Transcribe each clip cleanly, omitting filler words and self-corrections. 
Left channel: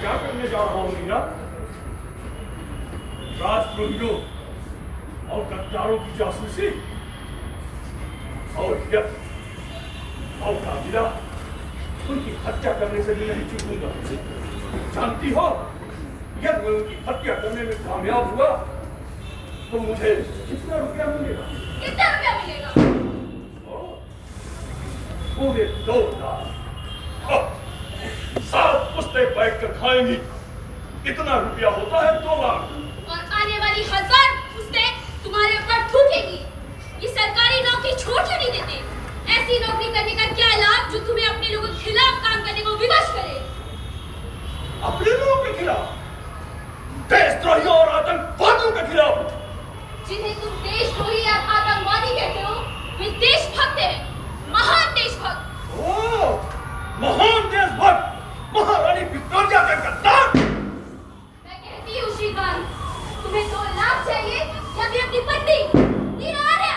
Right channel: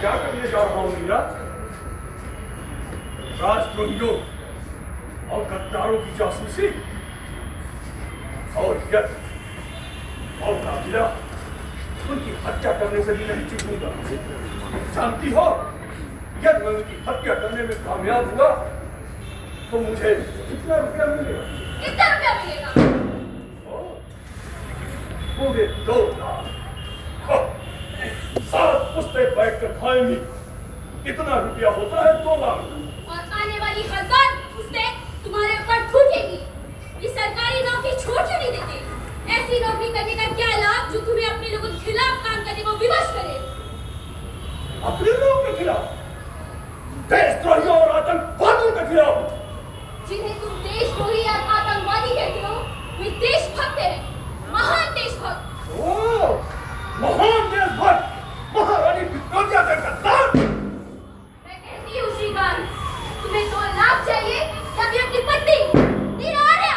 क्या करने जा रहा हूं मीरा? राजद्रोहियों और गद्दारों की जासूसी और यह मौका मिला, उनकी हत्या करने से भी नहीं चूकूंगा। जानती हो, यदि मैं उनकी हत्या करने में कामयाब हुआ तो मुझे कितना रुपया मिलेगा? कितना रुपया मिलेगा? पूरे 2 लाख। सात पुस्ते बैठकर खाएंगी, कितना रुपया होता है? 2 लाख। और आने वाली 1000 पुस्ते तुम्हारे ऊपर थूकेंगी। ये सरकारी नौकरी छोड़ क्यों नहीं देते? ऐसी नौकरी करने का क्या लाभ जो तुम्हें अपने लोगों के खिलाफ काम करने को विवश करे? अपने लोगों के खिलाफ? देशद्रोहियों और आतंकवादियों के खिलाफ? जिन्हें तुम देशद्रोही या आतंकवादी कहते हो, वे देशभक्त हैं, महान देशभक्त। ओह, महान देशभक्त, महारानी विक्टोरिया के गद्दार। मैं कहती हूँ श्रीकांत, तुम्हें 2 लाख चाहिए या फिर अपनी पत्नी नीरा आर्या?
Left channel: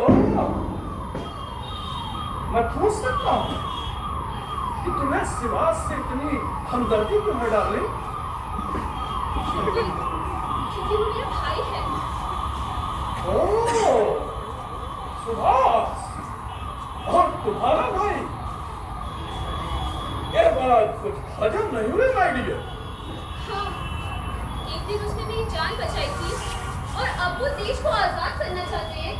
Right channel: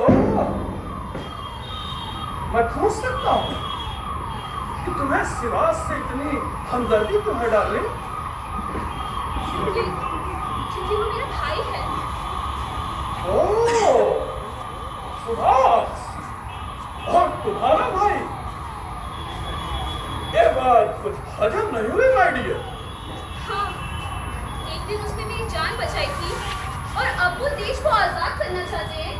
ओह, मैं पूछ सकता हूँ कि तुम्हें सिवास से इतनी हमदर्दी क्यों है डार्लिंग? क्योंकि वो मेरा भाई है। ओह, सुभाष और तुम्हारा भाई? ये बात कुछ हजम नहीं हुई माय डियर। हाँ, एक दिन उसने मेरी जान बचाई थी और अब वो देश को आजाद करना चाहते हैं।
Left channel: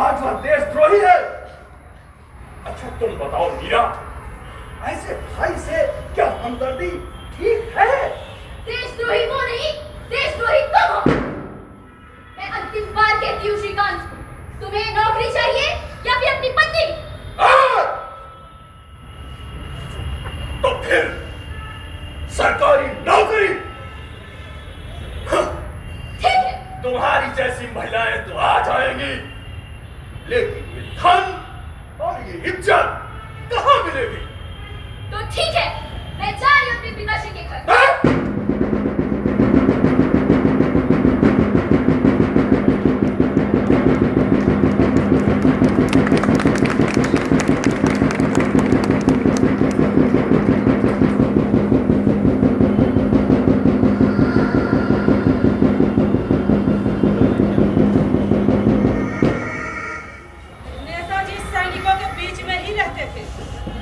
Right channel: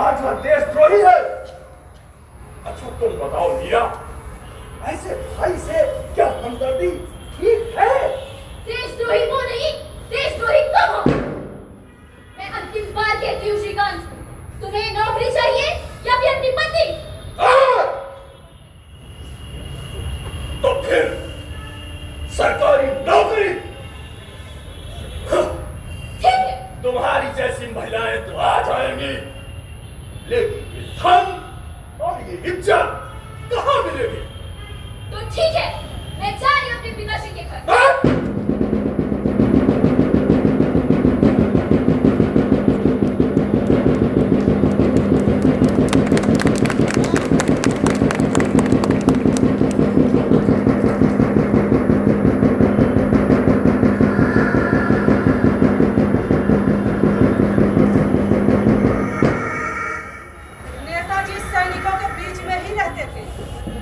आज वह देशद्रोही है। अच्छा तुम बताओ मीरा, ऐसे भाई से क्या हमदर्दी ठीक है? देशद्रोही वो नहीं, देशद्रोही तुम हो। मैं अंतिम बार कहती हूँ श्रीकांत, तुम्हें नौकरी चाहिए या फिर अपनी पत्नी? तो फिर सरकारी नौकरी। ठीक है। तुम्हारी जैसी महिलाएं तो आ जाएंगी, लेकिन ये धन और ये इज्जत कहाँ मिलेगी? तो ठीक है, मैं जा रही हूँ अपने पिताश्री के घर।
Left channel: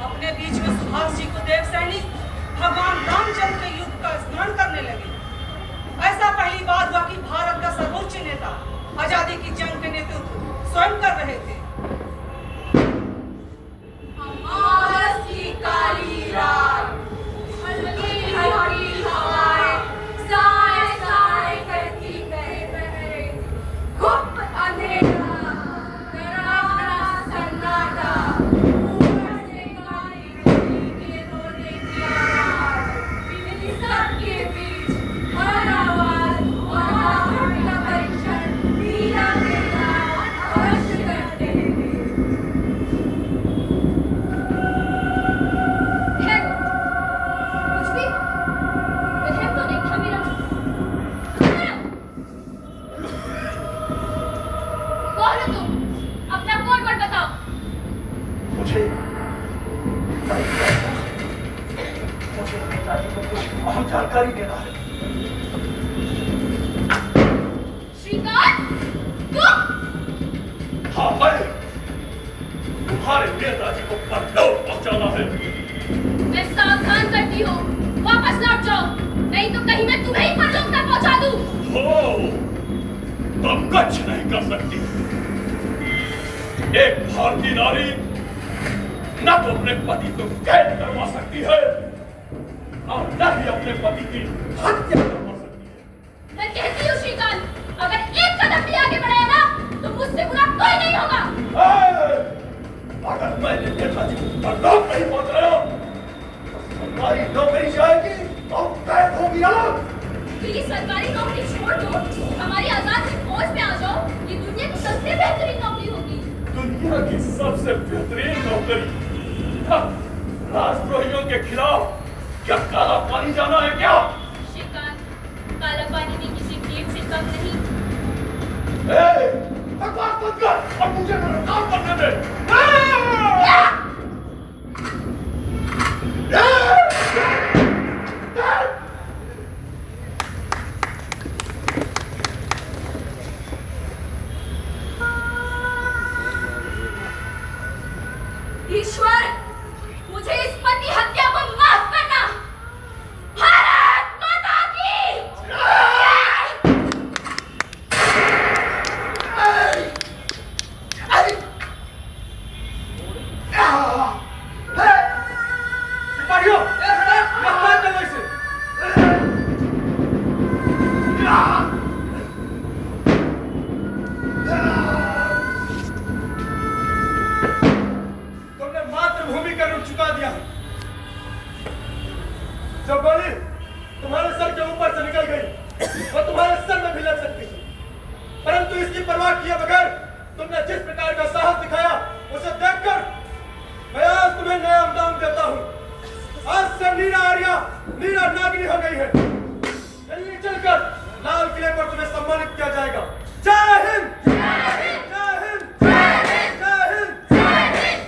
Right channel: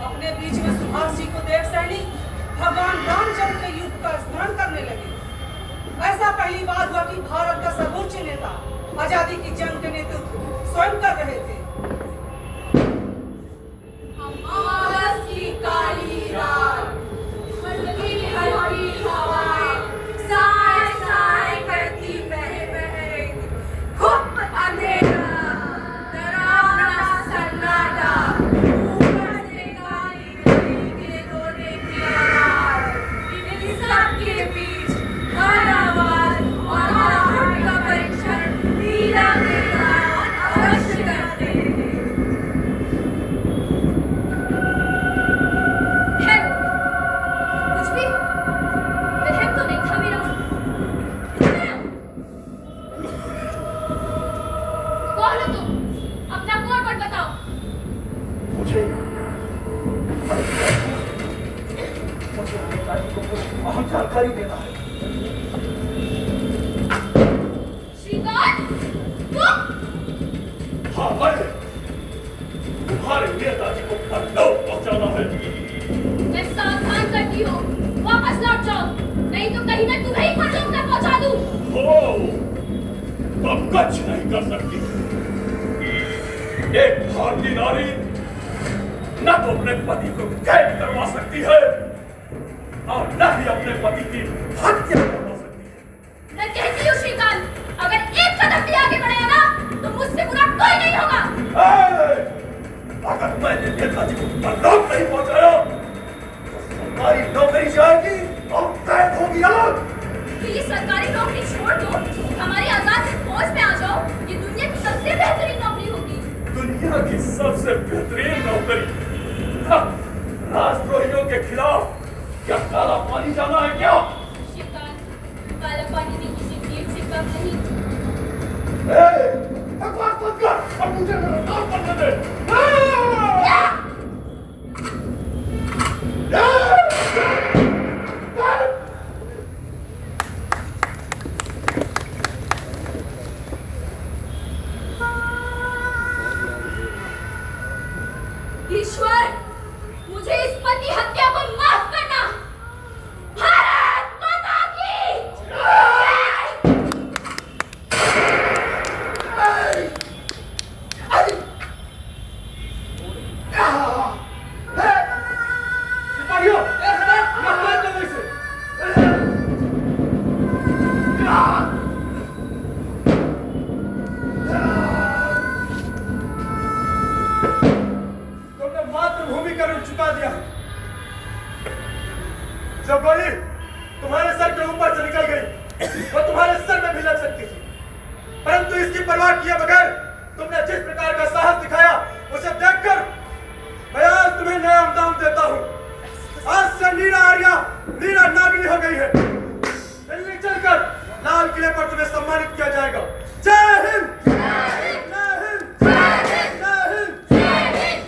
अपने बीच में सुभाष जी को देव सैनिक भगवान रामचंद्र के युद्ध पहली बात हुआ कि भारत का सर्वोच्च नेता आजादी की जंग के नेतृत्व स्वयं कर रहे थे। अमावस की काली रात, हल्की हल्की हवाएं, साए साए करती बहे बहे, गुप्त अंधेरा, डरावना सन्नाटा, ऊपर से काली बिल्ली के रोने की आवाज, इन सब के बीच हर आवाज और आहट का परीक्षण मीरा के साथ अवश्य करते थे। कुछ भी वहम तो नहीं था मेरा। कौन हो तुम? अपना कोड वर्ड बताओ। मुझे नेताजी को कुछ अहम जानकारी देना है। श्रीकांत, तुम? हाँ, मैं तुम्हारे नेताजी को परलोक पहुंचाना है। मैं सावधान करती हूँ, वापस लौट जाओ, नहीं तो कहीं मैं तुम्हें ही परलोक तक पहुंचा दूँ। हो, तुम कुछ नहीं कर सकती। एक भारतीय नारी न तो अपने पति को कैद करवा सकती है और न ही अपने पति की हत्या करवा सकती है। मैं कहती हूँ श्रीकांत, अगर एक कदम भी आगे बढ़े ना, तो मुझसे बुरा कोई नहीं होगा। अगर मैंने नेताजी को परलोक नहीं पहुंचाया तो सरकारी नौकरी जाएगी और कैद होगी अलग। ये सरकारी नौकरी छोड़ दो, हमारी आजाद फौज में आ जाओ, ये दुनिया की सबसे बेहतरीन नौकरी होगी। दुनिया की सबसे बेहतरीन नौकरी? हाँ, राष्ट्रद्रोहियों के खिलाफ क्या काला पानी जाना है क्या? श्रीकांत, काला पानी भी किसी टीम से कम नहीं। बकवास मत कर और मुझे मेरा काम करने दे। ईश्वर, मुझे इस पति हत्या को माफ करना। भारत माता की सिपाहियों, मत दो वैसे। तुमने मातृभूमि का ऋण चुका दिया है। जो गोली तुम्हारे सर के ऊपर से निकल गई वो तुम्हारे सर में भी लग सकती थी, परंतु इसकी परवाह किए बगैर तुमने जिस प्रकार का साहस दिखाया उसे देखकर मैं आज तुम्हें नया इनाम देता हूँ। आज से नीरा आर्या नीरा नागिनी हो गई है। दिल्ली चलकर लाल किले पर तुम्हें सम्मानित किया जाएगा। जय हिंद, जय हिंद, जय हिंद, जय हिंद, जय हिंद।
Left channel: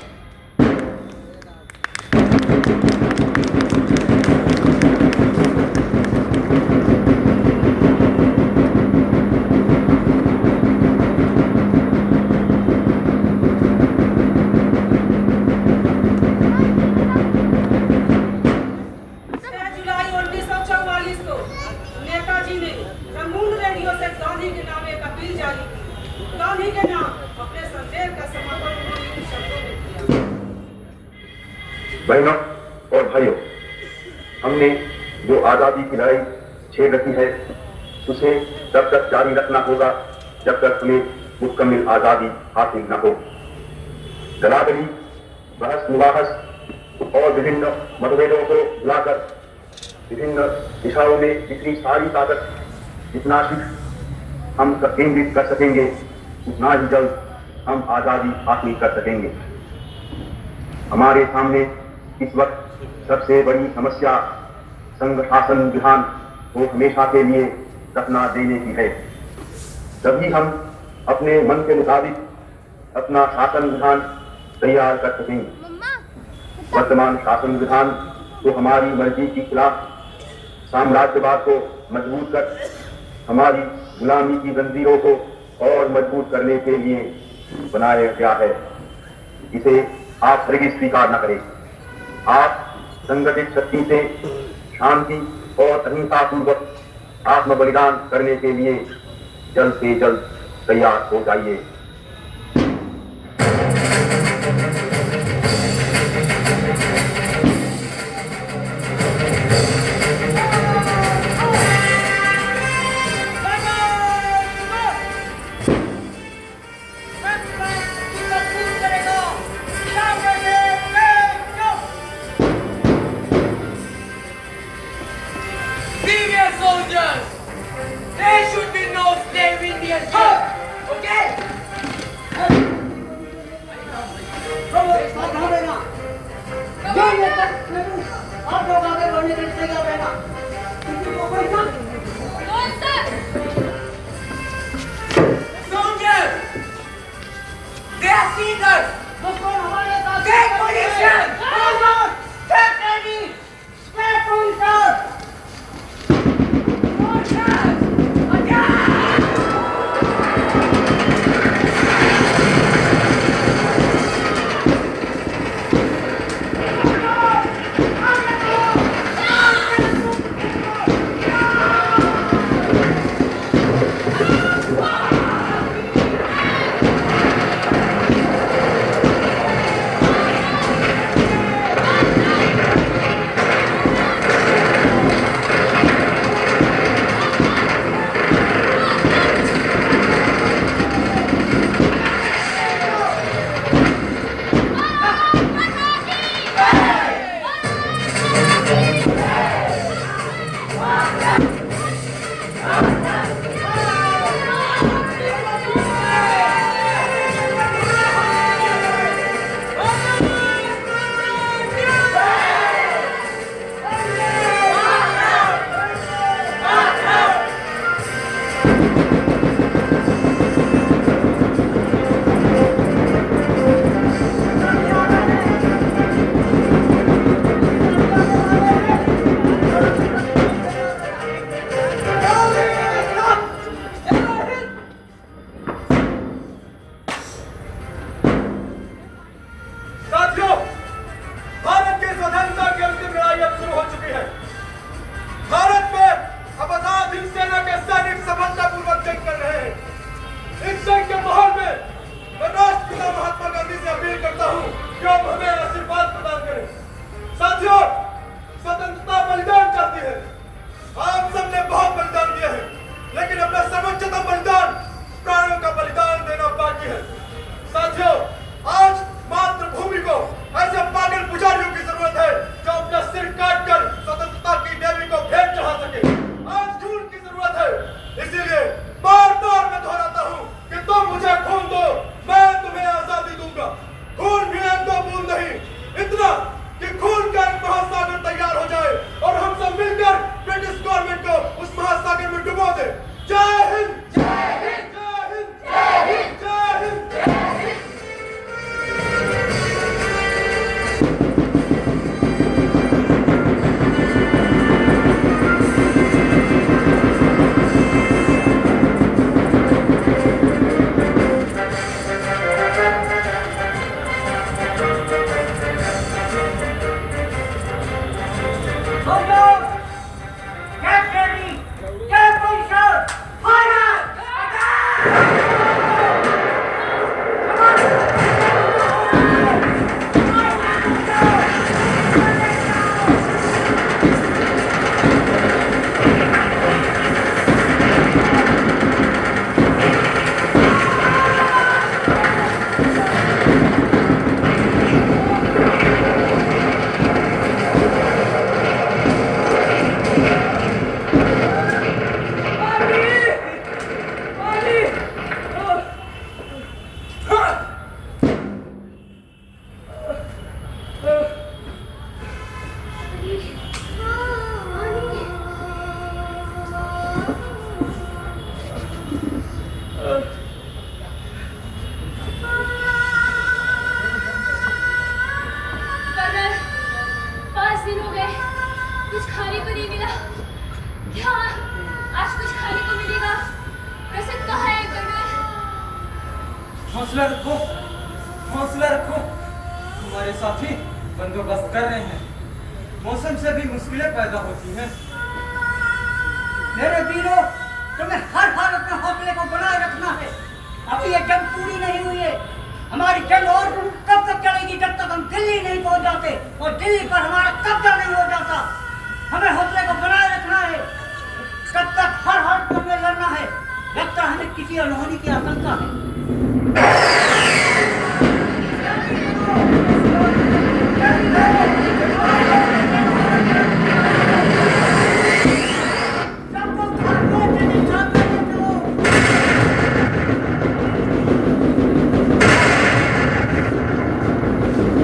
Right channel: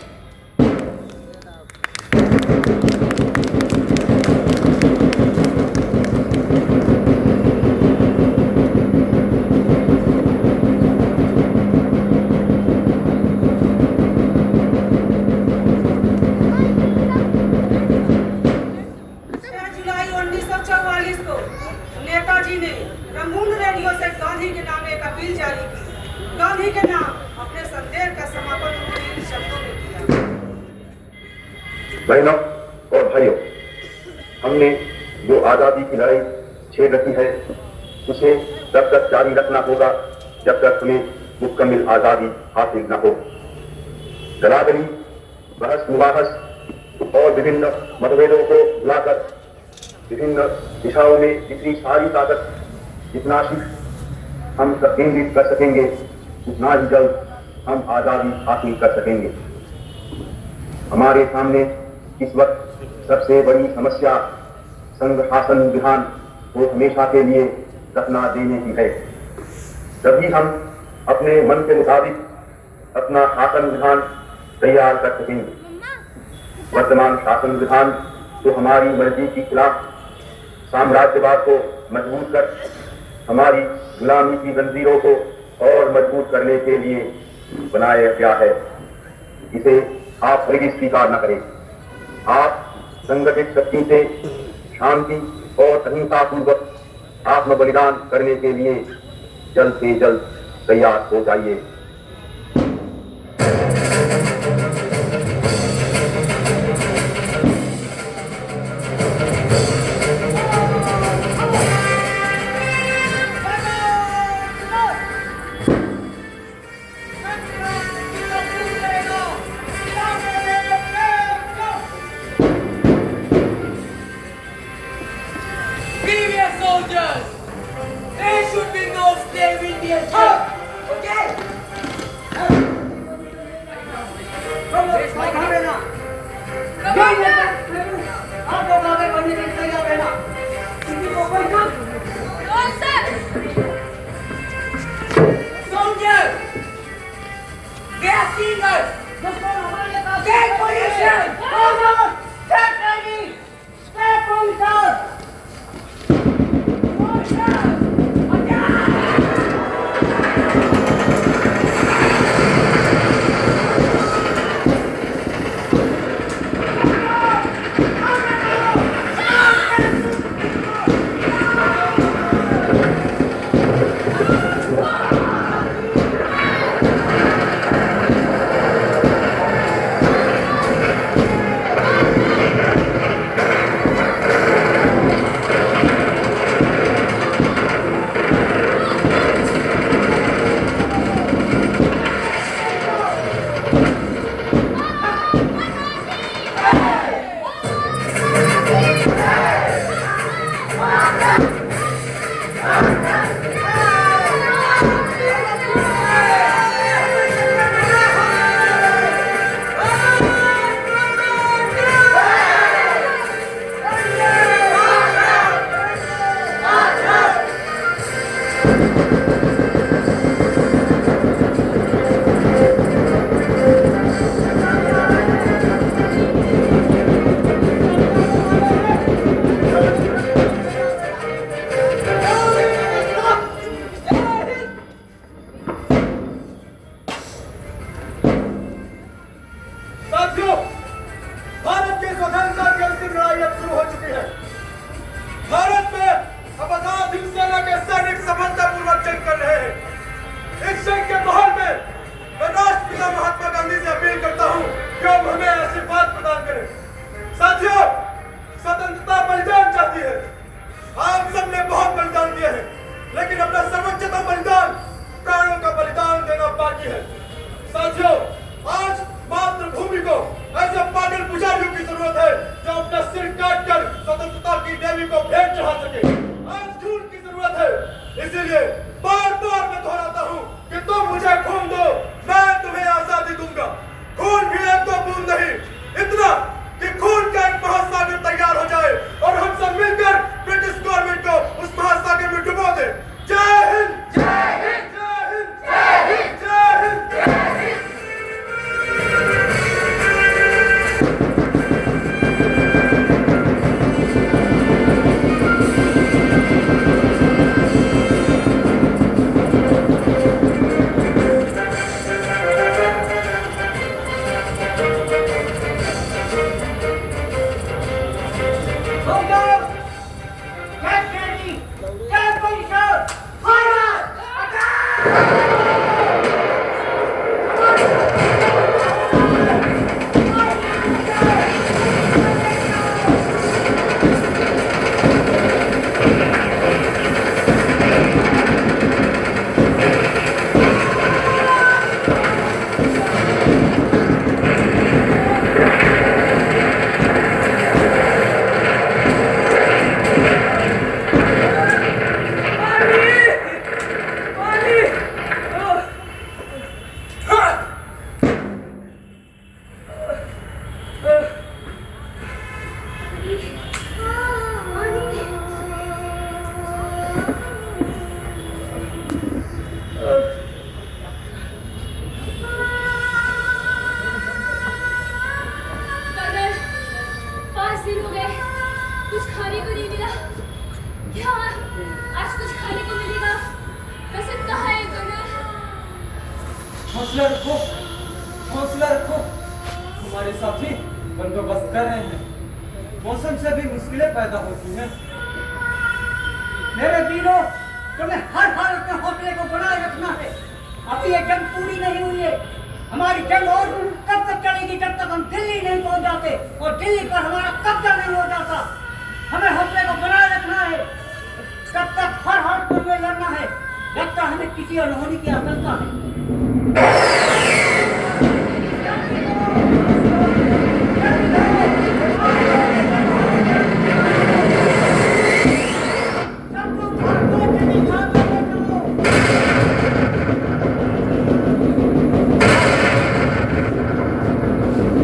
जुलाई 1944 को नेताजी ने रंगून रेडियो से गांधी के नाम एक अपील जारी की। गांधी के नाम अपने संदेश का समापन उन्होंने इन शब्दों में किया। बहनों और भाइयों, हमने जो आजादी की लड़ाई छेड़ रखी है उसे तब तक जारी रखना होगा जब तक हमें मुकम्मल आजादी हासिल न हो। बराबरी, बहस मुबाहस और विभिन्न मतभेदों को भुलाकर विभिन्न दिशाओं में जितनी सारी ताकत जितना शीघ्र हम केंद्रित कर सकेंगे उतना ही जल्द हम आजादी हासिल कर सकेंगे। हमारे सामने इस वक्त सबसे बड़ी समस्या संघ शासन विधान को हमेशा के लिए दफना देने की है। तभी हम अपने मन के मुताबिक अपना शासन विधान तैयार कर सकेंगे। वर्तमान शासन विधान तो हमारी मर्जी के खिलाफ साम्राज्यवाद को मजबूत कर हमारी गुलामी की जंजीरों को और मजबूत करने के लिए बनाया गया है। इसे आप हरगिज़ स्वीकार न करें। आप संगठित शक्ति से शांति और अहिंसा पूर्वक आत्म बलिदान करने के लिए जल्द से जल्द तैयार हो जाइए। Female soldiers, there should be no slave Indian children, okay? No sir. Soldiers, they are singers. Take position. Take ready. Take position. साथियों, भारत की स्वतंत्रता की अंतिम लड़ाई अब शुरू हो चुकी है। भारत में अब आजाद हिंद सेना के सैनिक सफलतापूर्वक जंग कर रहे हैं। इस जंग के माहौल में मैं राष्ट्रपिता महात्मा गांधी से अपील करता हूं कि अब हमें आशीर्वाद प्रदान करें। साथियों, स्वतंत्रता बलिदान चाहती है। आप सबने बहुत बलिदान दिए हैं, लेकिन अपना सर्वोच्चतम बलिदान, प्राणों का बलिदान देना बाकी है। साथियों, आज मातृभूमि को ऐसे पागल पुजारियों की जरूरत है जो अपना सिर काट कर स्वतंत्रता की देवी को भेंट चढ़ा सके। आज खून की जरूरत है, इसीलिए बार बार मैं दोहराता हूँ कि तुम मुझे खून दो, मैं तुम्हें आजादी दूंगा। खून भी एक दो बूंद नहीं, इतना कि खून का एक महासागर तैयार हो जाए और हम सब मिलकर ब्रिटिश गवर्नमेंट को उस महासागर में डुबो दे। जय हिंद, जय हिंद, जय हिंद, जय हिंद, जय हिंद, जय हिंद। हौसला रखो, हौसला रखो। हमारे साथी बंदोबस्त कर रहे हैं। मौसम से भी मुश्किलें पैदा होती हैं। मेरे वीरों, तुम्हें हर हालत में हौसले को बनाए रखना है। अभी ये जंग पूरी नहीं हुई है। हमारी जंग और कब तक चलेगी, जब तक हम दिल्ली नहीं पहुंच जाते और दिल्ली पर हमारा कब्जा नहीं हो जाता। हमें हौसले को बनाए रखना है। तब तक हर हालत में हमें लड़ना है। लगता है हमें किसी अनहोनी की आशंका है।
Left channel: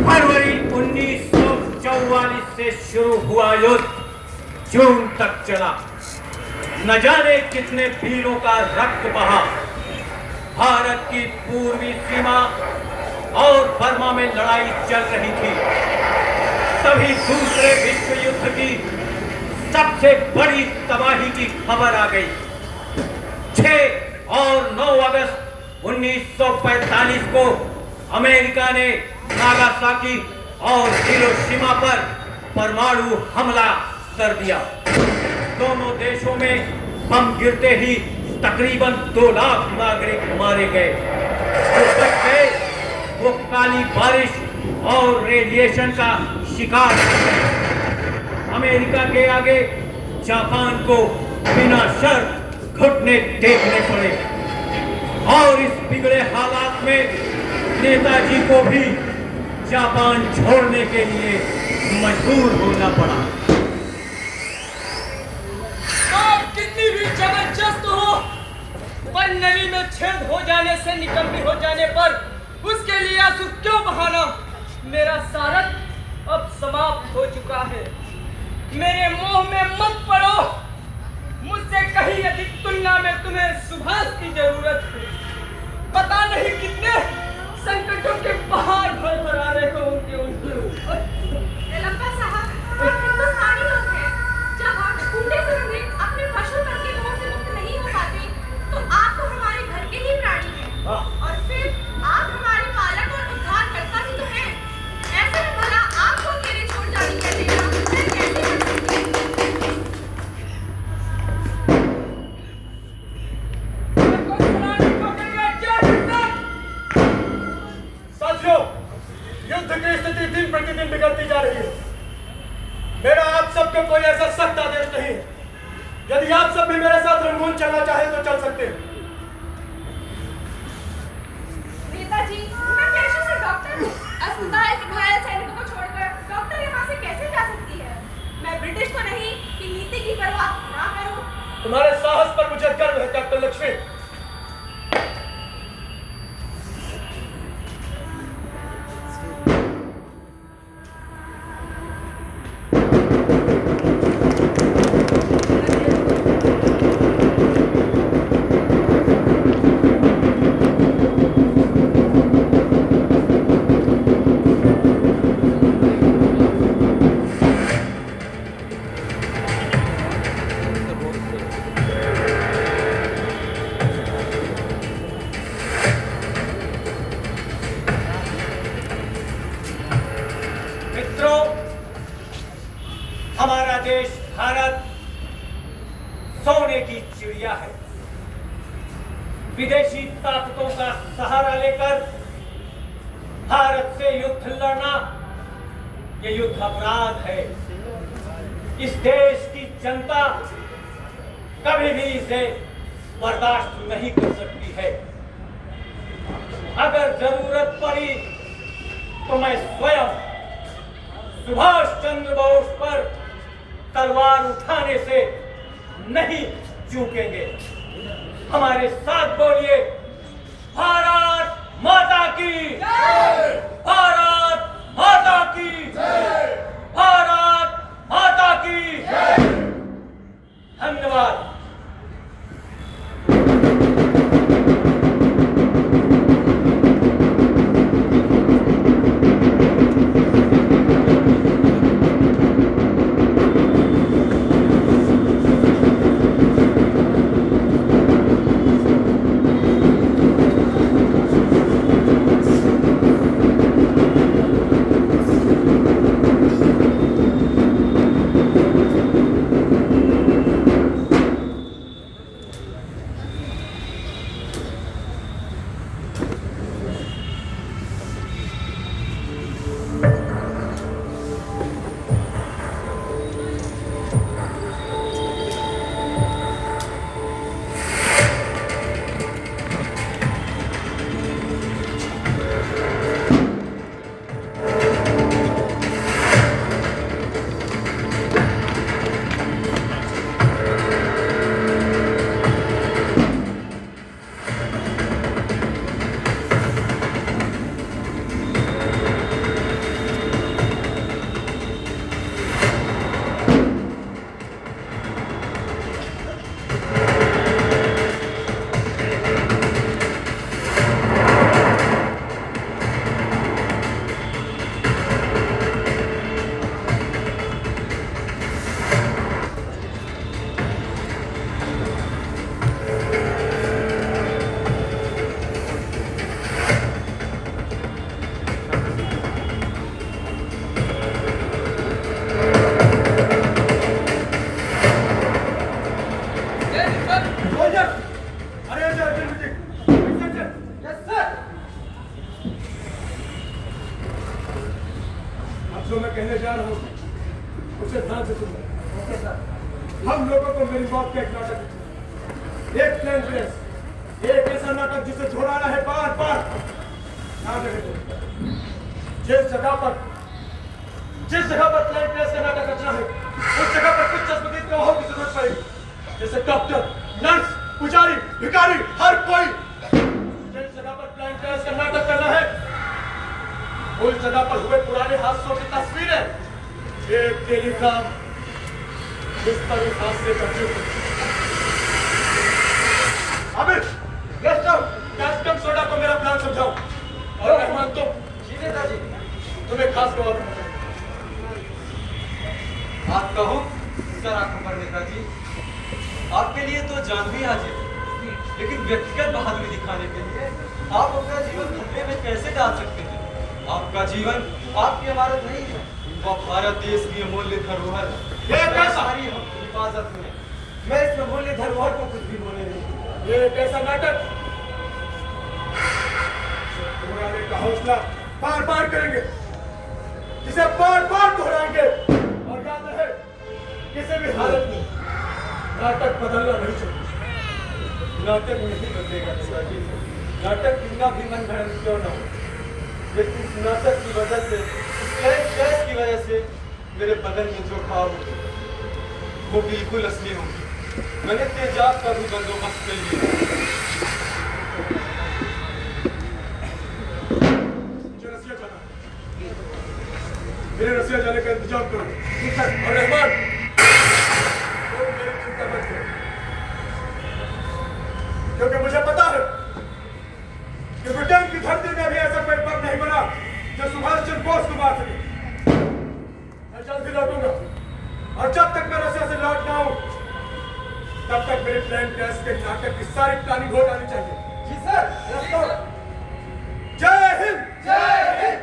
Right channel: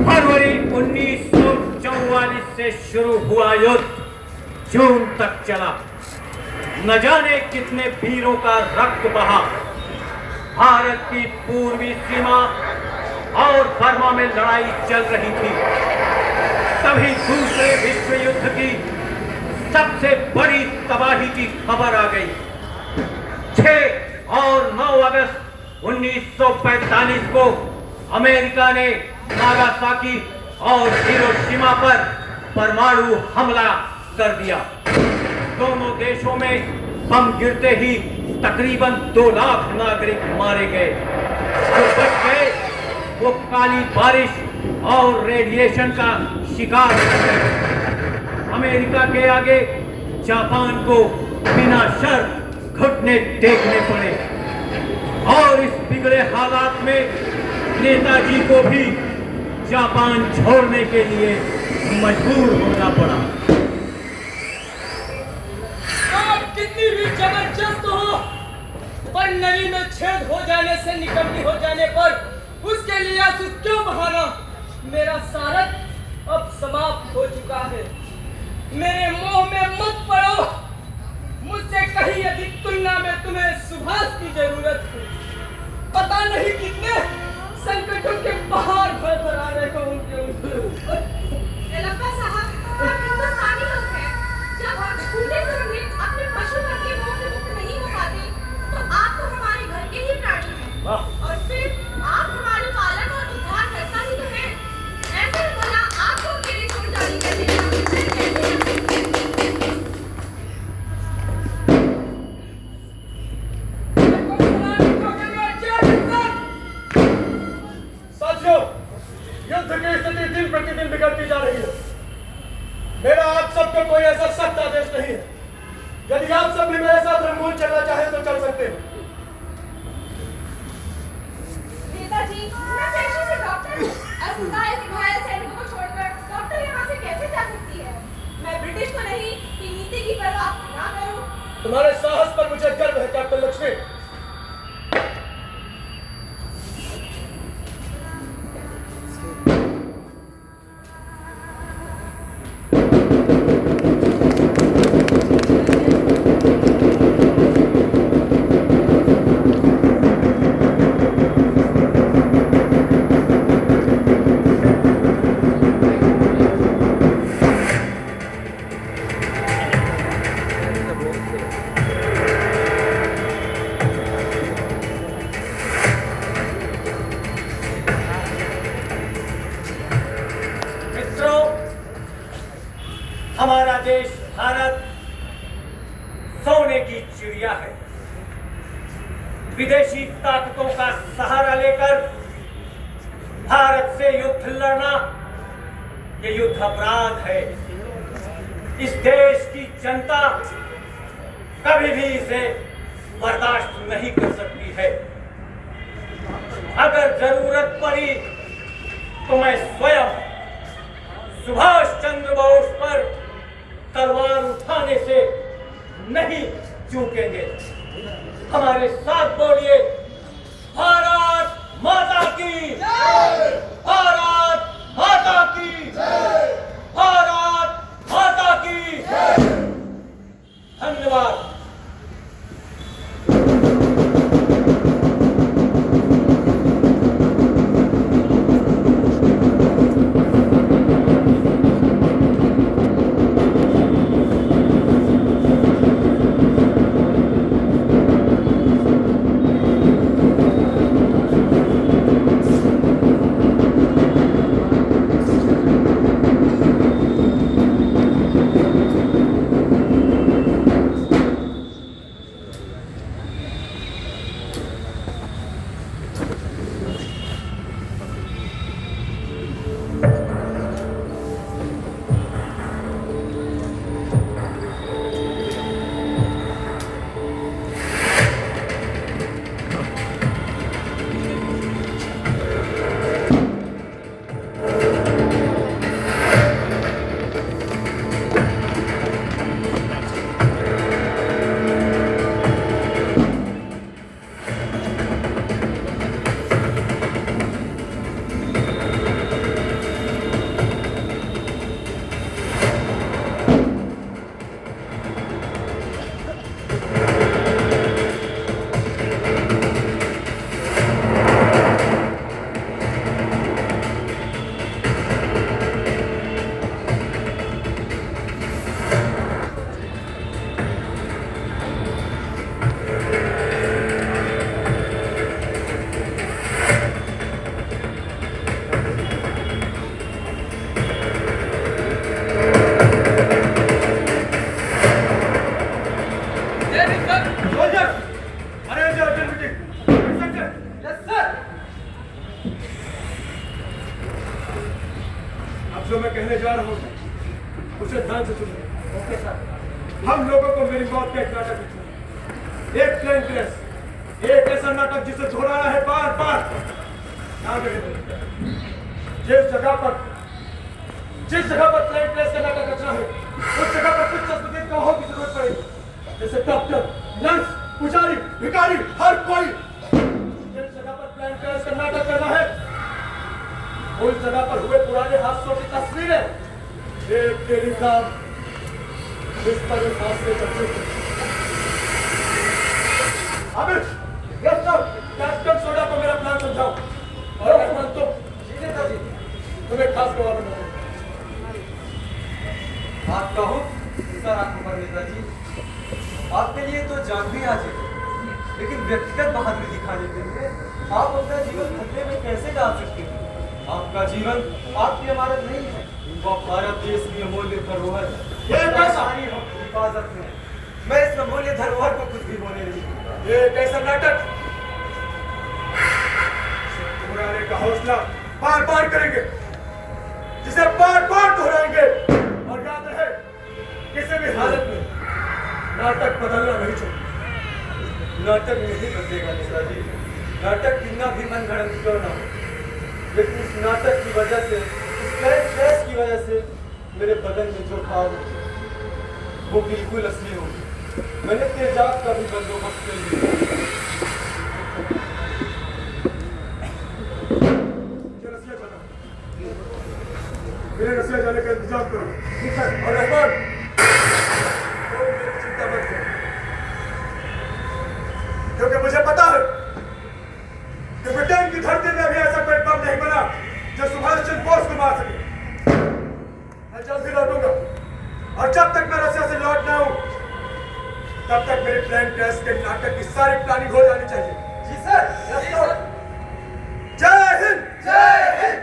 फरवरी 1944 से शुरू हुआ युद्ध जून तक चला। न जाने कितने वीरों का रक्त बहा। भारत की पूर्वी सीमा और बर्मा में लड़ाई चल रही थी। तभी दूसरे विश्व युद्ध की सबसे बड़ी तबाही की खबर आ गई। 6 और 9 अगस्त 1945 को अमेरिका ने नागासाकी और हिरोशिमा पर परमाणु हमला कर दिया। दोनों देशों में बम गिरते ही तकरीबन 2 लाख नागरिक मारे गए। जो बच गए वो काली बारिश और रेडिएशन का शिकार हुए। अमेरिका के आगे जापान को बिना शर्त घुटने टेकने पड़े और इस बिगड़े हालात में नेताजी को भी जापान छोड़ने के लिए मजबूर होना पड़ा। आप कितनी भी जबरदस्त हो, पर नली में छेद हो जाने से निकम्मी हो जाने पर उसके लिए आंसू क्यों बहाना। मेरा सारथ अब समाप्त हो चुका है। मेरे मोह में मत पड़ो। मुझसे कहीं अधिक तुलना में तुम्हें सुभाष की जरूरत है। पता नहीं कितने संकटों के पहाड़ भर आ रहे हो उनके ऊपर। लंबा साहब, हम हिंदुस्तानी लोग हैं। जब हम ढूंढे फिरने अपने पशु धन के मोह से मुक्त नहीं हो पाते, तो आप तो हमारे घर के ही प्राणी हैं। और फिर आप हमारे पालक और उद्धारकर्ता ही तो हैं। ऐसे में भला आपको अकेले छोड़ जाने का देना मैं कैसे कर सकती हूँ? साथियों, युद्ध की स्थिति दिन प्रतिदिन बिगड़ती जा रही है। मेरा आप सबको कोई ऐसा सख्त आदेश नहीं है। यदि आप सब भी मेरे साथ रंगून चलना चाहे तो चल सकते हैं। नेताजी, मैं पेशे से डॉक्टर हूँ। अस्पताल के घायल सैनिकों को छोड़कर डॉक्टर यहाँ से कैसे जा सकती है? मैं ब्रिटिश तो नहीं कि नीति की परवाह ना करूँ। तुम्हारे साहस पर मुझे गर्व है कैप्टन लक्ष्मी। हमारा देश भारत सोने की चिड़िया है। विदेशी ताकतों का सहारा लेकर भारत से युद्ध लड़ना ये युद्ध अपराध है। इस देश की जनता कभी भी इसे बर्दाश्त नहीं कर सकती है। अगर जरूरत पड़ी तो मैं स्वयं सुभाष चंद्र बोस पर तलवार उठाने से नहीं चूकेंगे। हमारे साथ बोलिए, भारत माता की जय! भारत माता की जय! भारत माता की जय! धन्यवाद। मेरी मौत का एक नाटक लिखा, एक प्लेन ड्रेस, एक ऐसा नाटक जिसे दोहराना है बार बार। जिस जगह पर प्लेन ड्रेस का नाटक रचना है, उस जगह पर कुछ चश्मदीद गवाहों की जरूरत पड़ेगी, जैसे डॉक्टर, नर्स, पुजारी, भिखारी, हर कोई। जिस जगह पर प्लेन ड्रेस का नाटक करना है, उस जगह पर हुए पुराने हादसों की तस्वीरें, एक टेलीग्राम, इस पर उस हादसे का जिक्र। अबे, कैप्टन सोडा को मेरा प्लान समझाओ, और रहमान तुम नेताजी, तुम्हें खास गवाह दूंगा। आप कहो सर अकबर नेताजी, आपके लिए तो जान भी हाजिर, लेकिन व्यक्तिगत बहादुरी दिखाने के लिए आप अपना जीवन खतरे में कैसे डाल सकते हैं? आपका जीवन आपकी इमारत नहीं है, वो भारत देश की अमूल्य धरोहर है। ये कैसा? सारी हिफाजत में है। मैं इस अमूल्य धरोहर को कुछ भी बोले नहीं। ये कैसा नाटक? दोहराने का हौसला बार बार करेंगे, जिसे बार बार दोहराएंगे, और याद रहे किसी भी हालत में नाटक बदलना नहीं चाहिए। नाटक नहीं बदलेगा नेताजी, नाटक कितना भी मनगढ़ंत क्यों ना हो, लेकिन इस नाटक की वजह से, इस प्लेन ड्रेस की वजह से मेरे बदन में जो घाव होंगे वो बिल्कुल असली होंगे। मैंने तेजाब का भी बंदोबस्त कर लिया। मेरे रसिया जाने का इंतजाम करो। ठीक है। और रहमान, तुम मेरी चिंता मत करो, क्योंकि मुझे पता है कि ब्रिटेन की धरती में भी ऐसा कोई बम नहीं बना जो सुभाष चंद्र बोस को मार सके। मैं जल्द ही लौटूंगा, और जब तक मैं रसिया से लौट ना आऊं, तब तक मेरे प्लान टेस्ट के नाटक की सारी प्लानिंग हो जानी चाहिए। जी सर। जय हिंद। जय हिंद।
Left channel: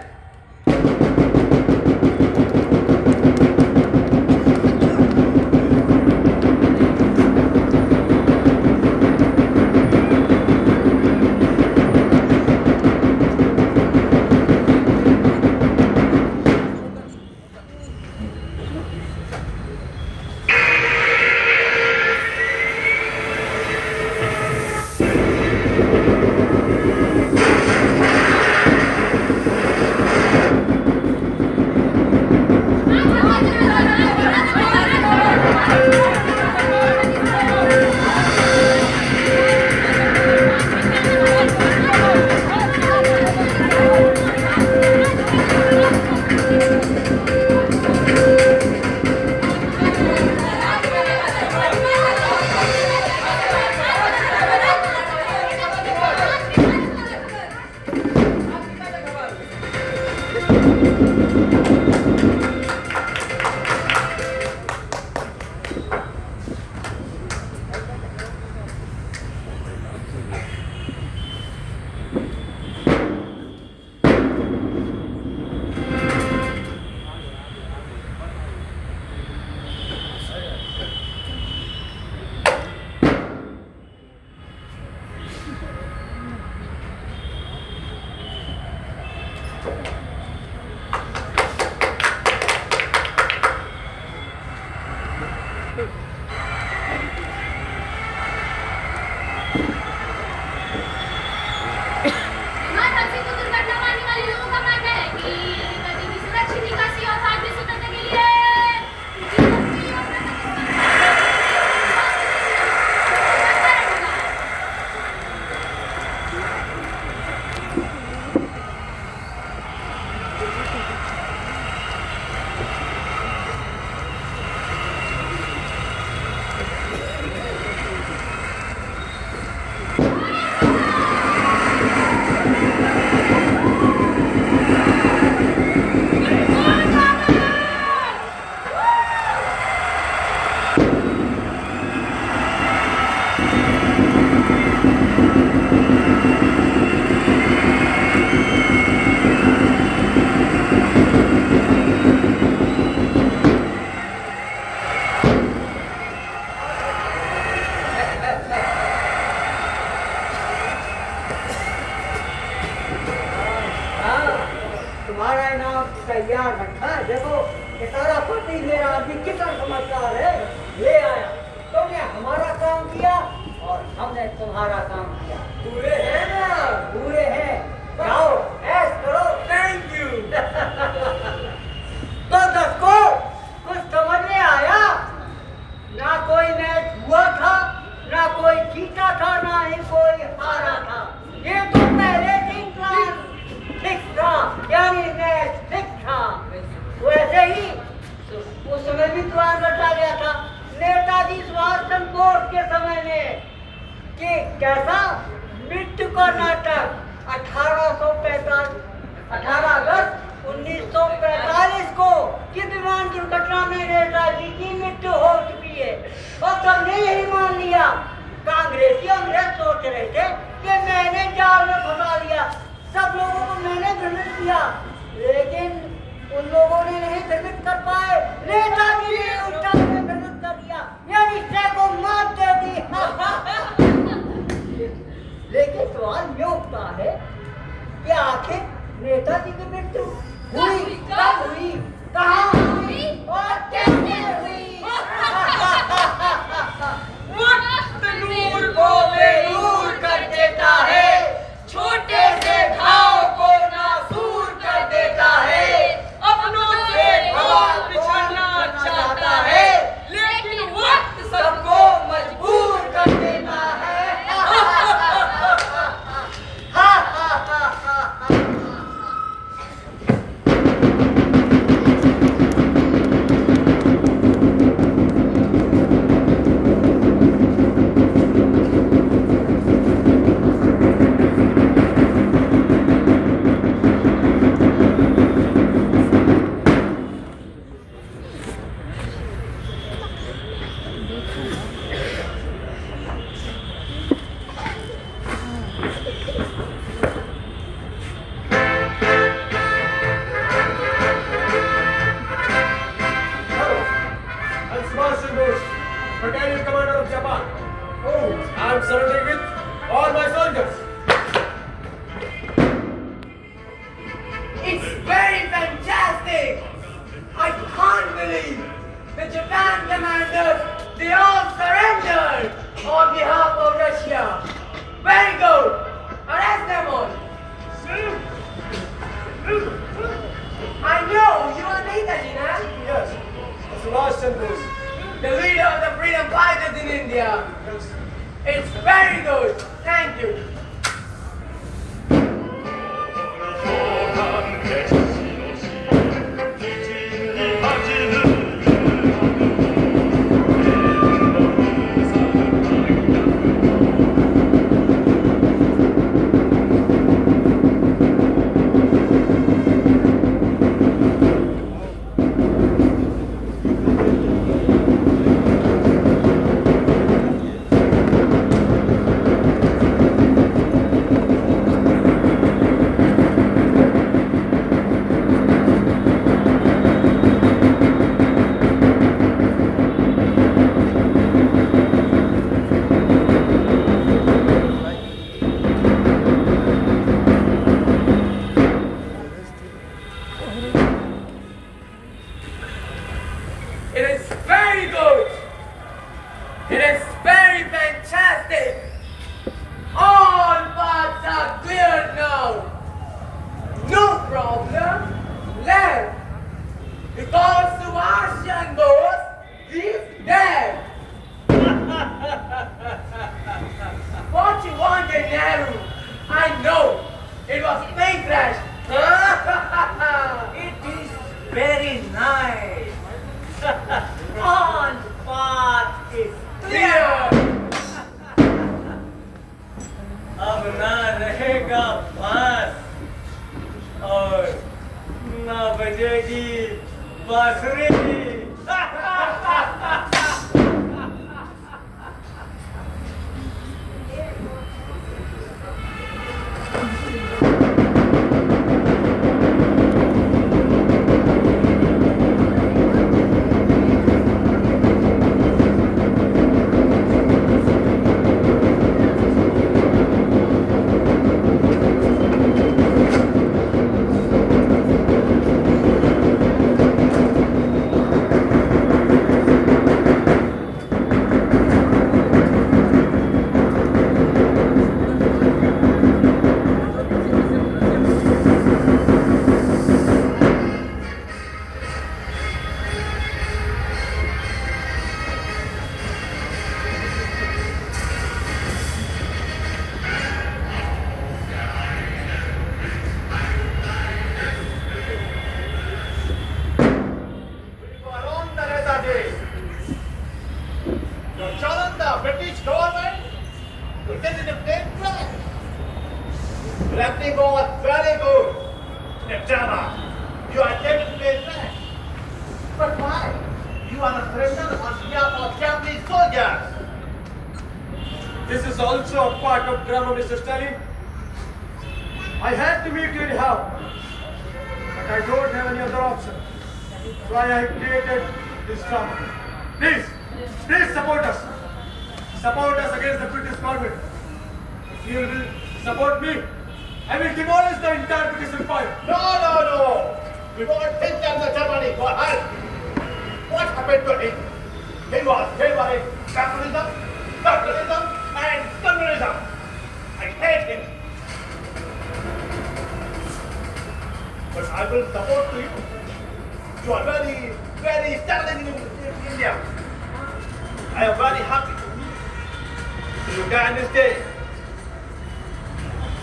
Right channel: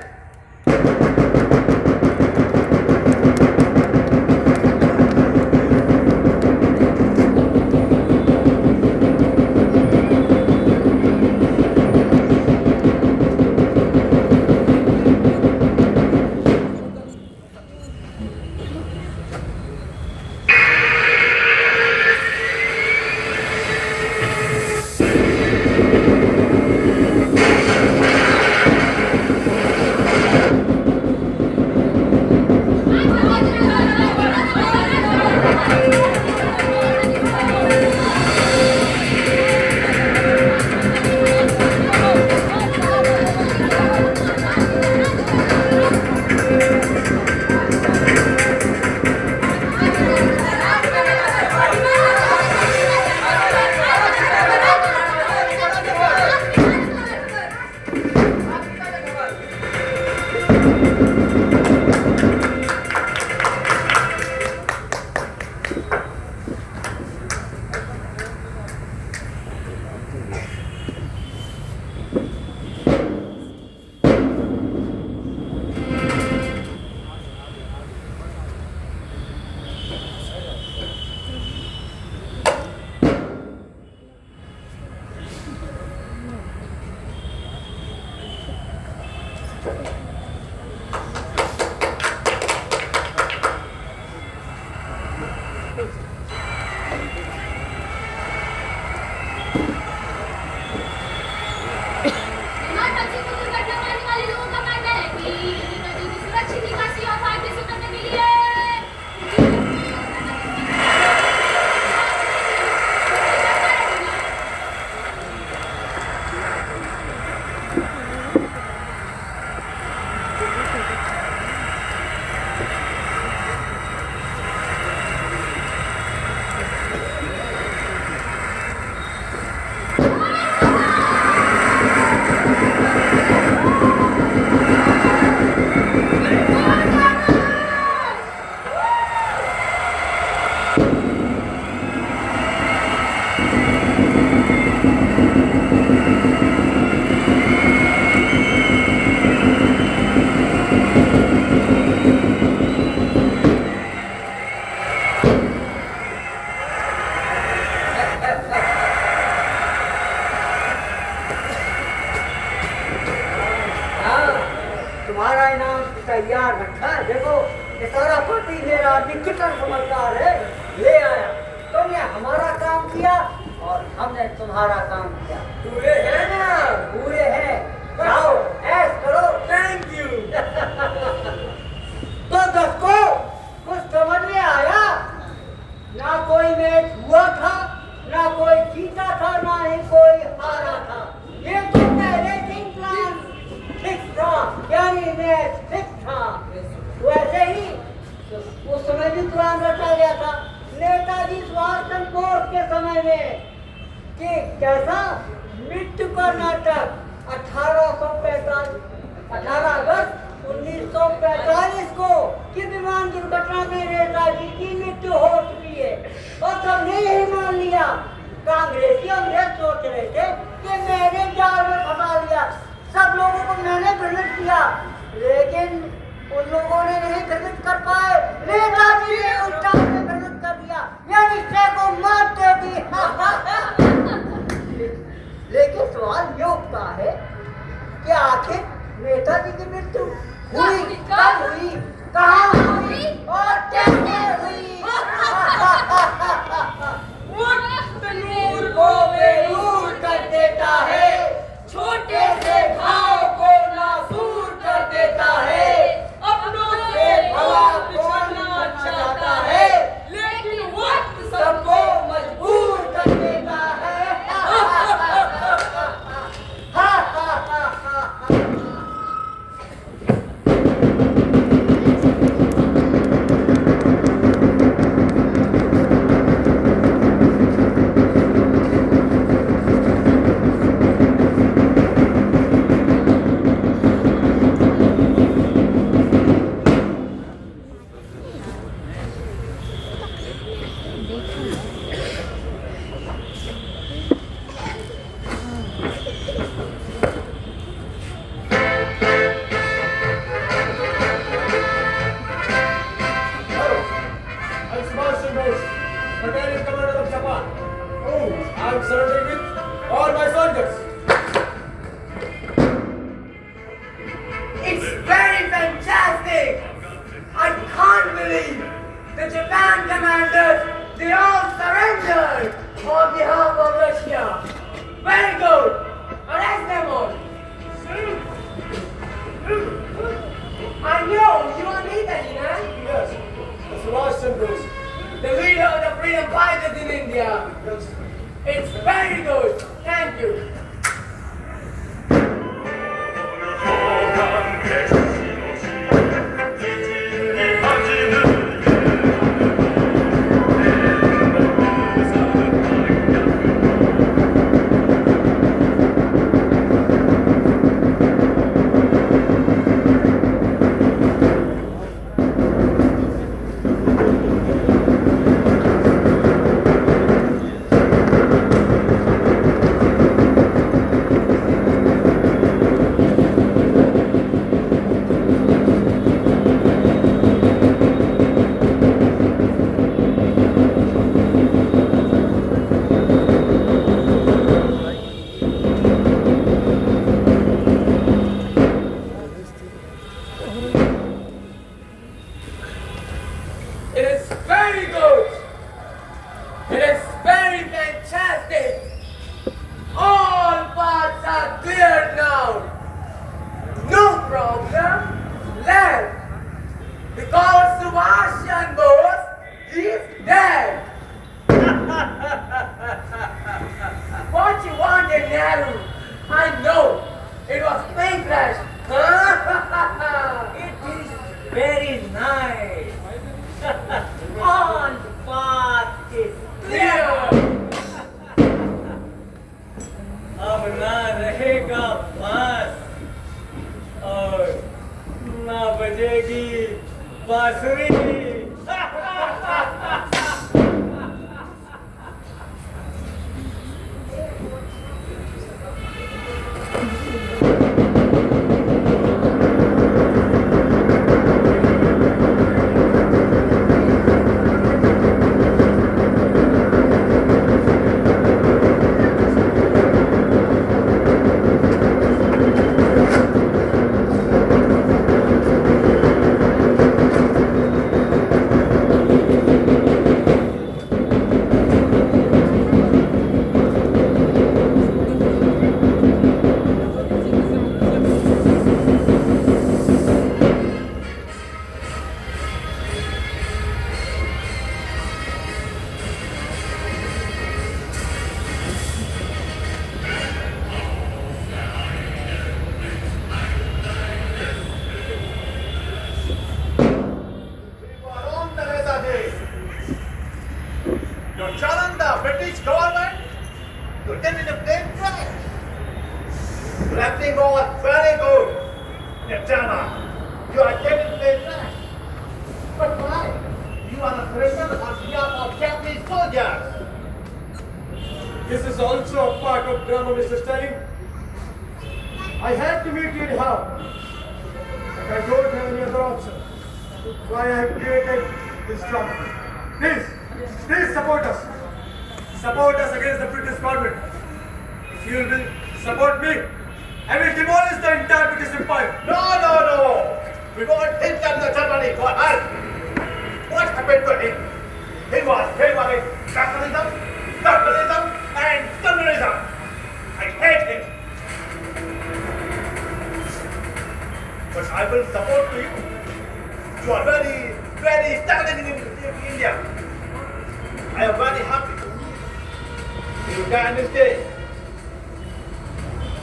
तुम्हारा इनाम तैयार रखा है। देखो ये सारा पति मेरा आदमी कितना समझदार है, ले आया। तुम यहाँ तुम्हारा काम किया। पूरे हैं ना? पूरे हैं। जाओ ऐश करो। Thank you. तो दर्शकों कुछ समझ में आया? ना कोई मैच हुआ था, ना कोई जीता था, ना ही कोई हारा था। ये तो पहले दिन प्लान फिक्स था, यानी मैच फिक्स था। वैसे ही उस समय भी प्लान रचा गया था नेताजी सुभाष चंद्र बोस के समय में कि कैसा मृत्यु का नाटक 18 अगस्त 1945 को कि विमान दुर्घटना में नेताजी की मृत्यु हो चुकी है और सबने यही मान लिया। कांग्रेसी अंग्रेज सोच रहे थे कि मैंने जाल में फंसा दिया, सब लोगों को मैंने भ्रमित किया, लेकिन उन लोगों ने नहीं भ्रमित कर पाए। नेताजी ने उल्टा में भ्रमित कर दिया, यानी सह को मात दे दी। लेकिन सवाल ये उठता है कि आखिर नेताजी की मृत्यु हुई कब हुई, कहाँ हुई और कैसे हुई? वक्त नूर को बेनूर कर देता है, छोटे से घाव को नासूर कर देता है। अपनों से भला बिछड़ना चाहता है, लेकिन वक्त सबको मजबूर कर देता है। Battalion Commander of Japan. Oh, I am surrendering with all my soldiers. It's very fantastic! I can't believe the Japan commanders, they all surrendered on behalf of Russia. Very good! Arrest them all! I know you are Netaji, huh? Yes, Subhash Chandra Bose. The leader of the freedom fighters in India. It's very good. Thank you. It is very good. It is very fantastic. All paths are cleared now. No problem. Land. Because Subhash Chandra Bose is dead. What you wanted, Nehru? I know. It was plane crash. It is very nice. All path is Clear. अब ना रहेगा बांस और ना बजेगी बांसुरी। You're getting the plane right. Acting on very good. Netama, you are getting the plane right. But why? You are a prisoner on behalf of Japanese soldiers. This is also a part of drama, Mr. Stalin. I had to meet you anyhow, but I don't have any other option. So I have created this drama. Please support us. Support us against the British government. If you will support me, I will demolish the entire British Empire. No. We won't hit them the Germany for us. What happened to him? He was favoring capitalism and communism. I hate him. But I will support to you. You are very, very standing in India. I am very happy. You can stay.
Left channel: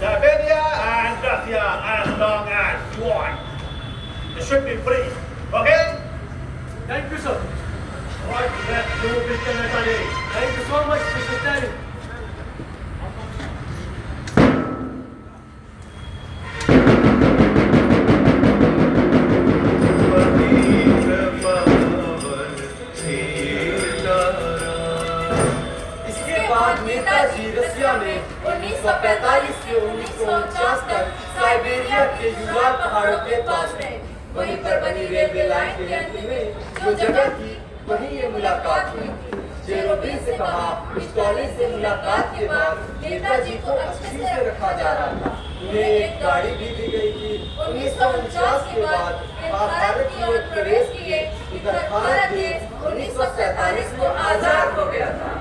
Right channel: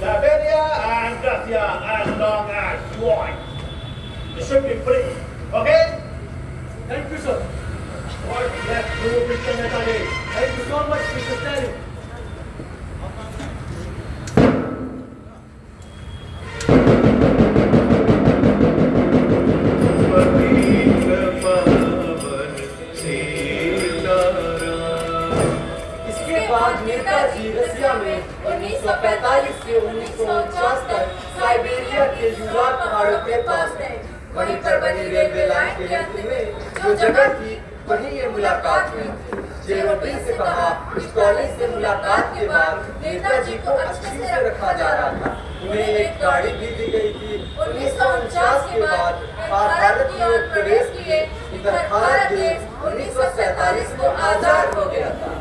Siberia and Russia as long as you want. It should be free. Okay? Thank you, sir. What yes, do, Mr. Netali? Thank you so much, Mr. Stalin. इसके बाद नेताजी रसिया में 1945 से 1949 तक Siberia के युवा पहाड़ों के पास रहे। वहीं पर बनी रेलवे लाइन के अंत में जो जगह थी वहीं ये मुलाकात हुई। जेरोबिन से कहा स्टॉलिन से मुलाकात के बाद नेताजी को अच्छे से रखा जा रहा था। उन्हें एक गाड़ी भी दी गई थी। 1949 के बाद भारत की ओर प्रवेश किए। इधर भारत देश 1947 को आजाद हो गया था।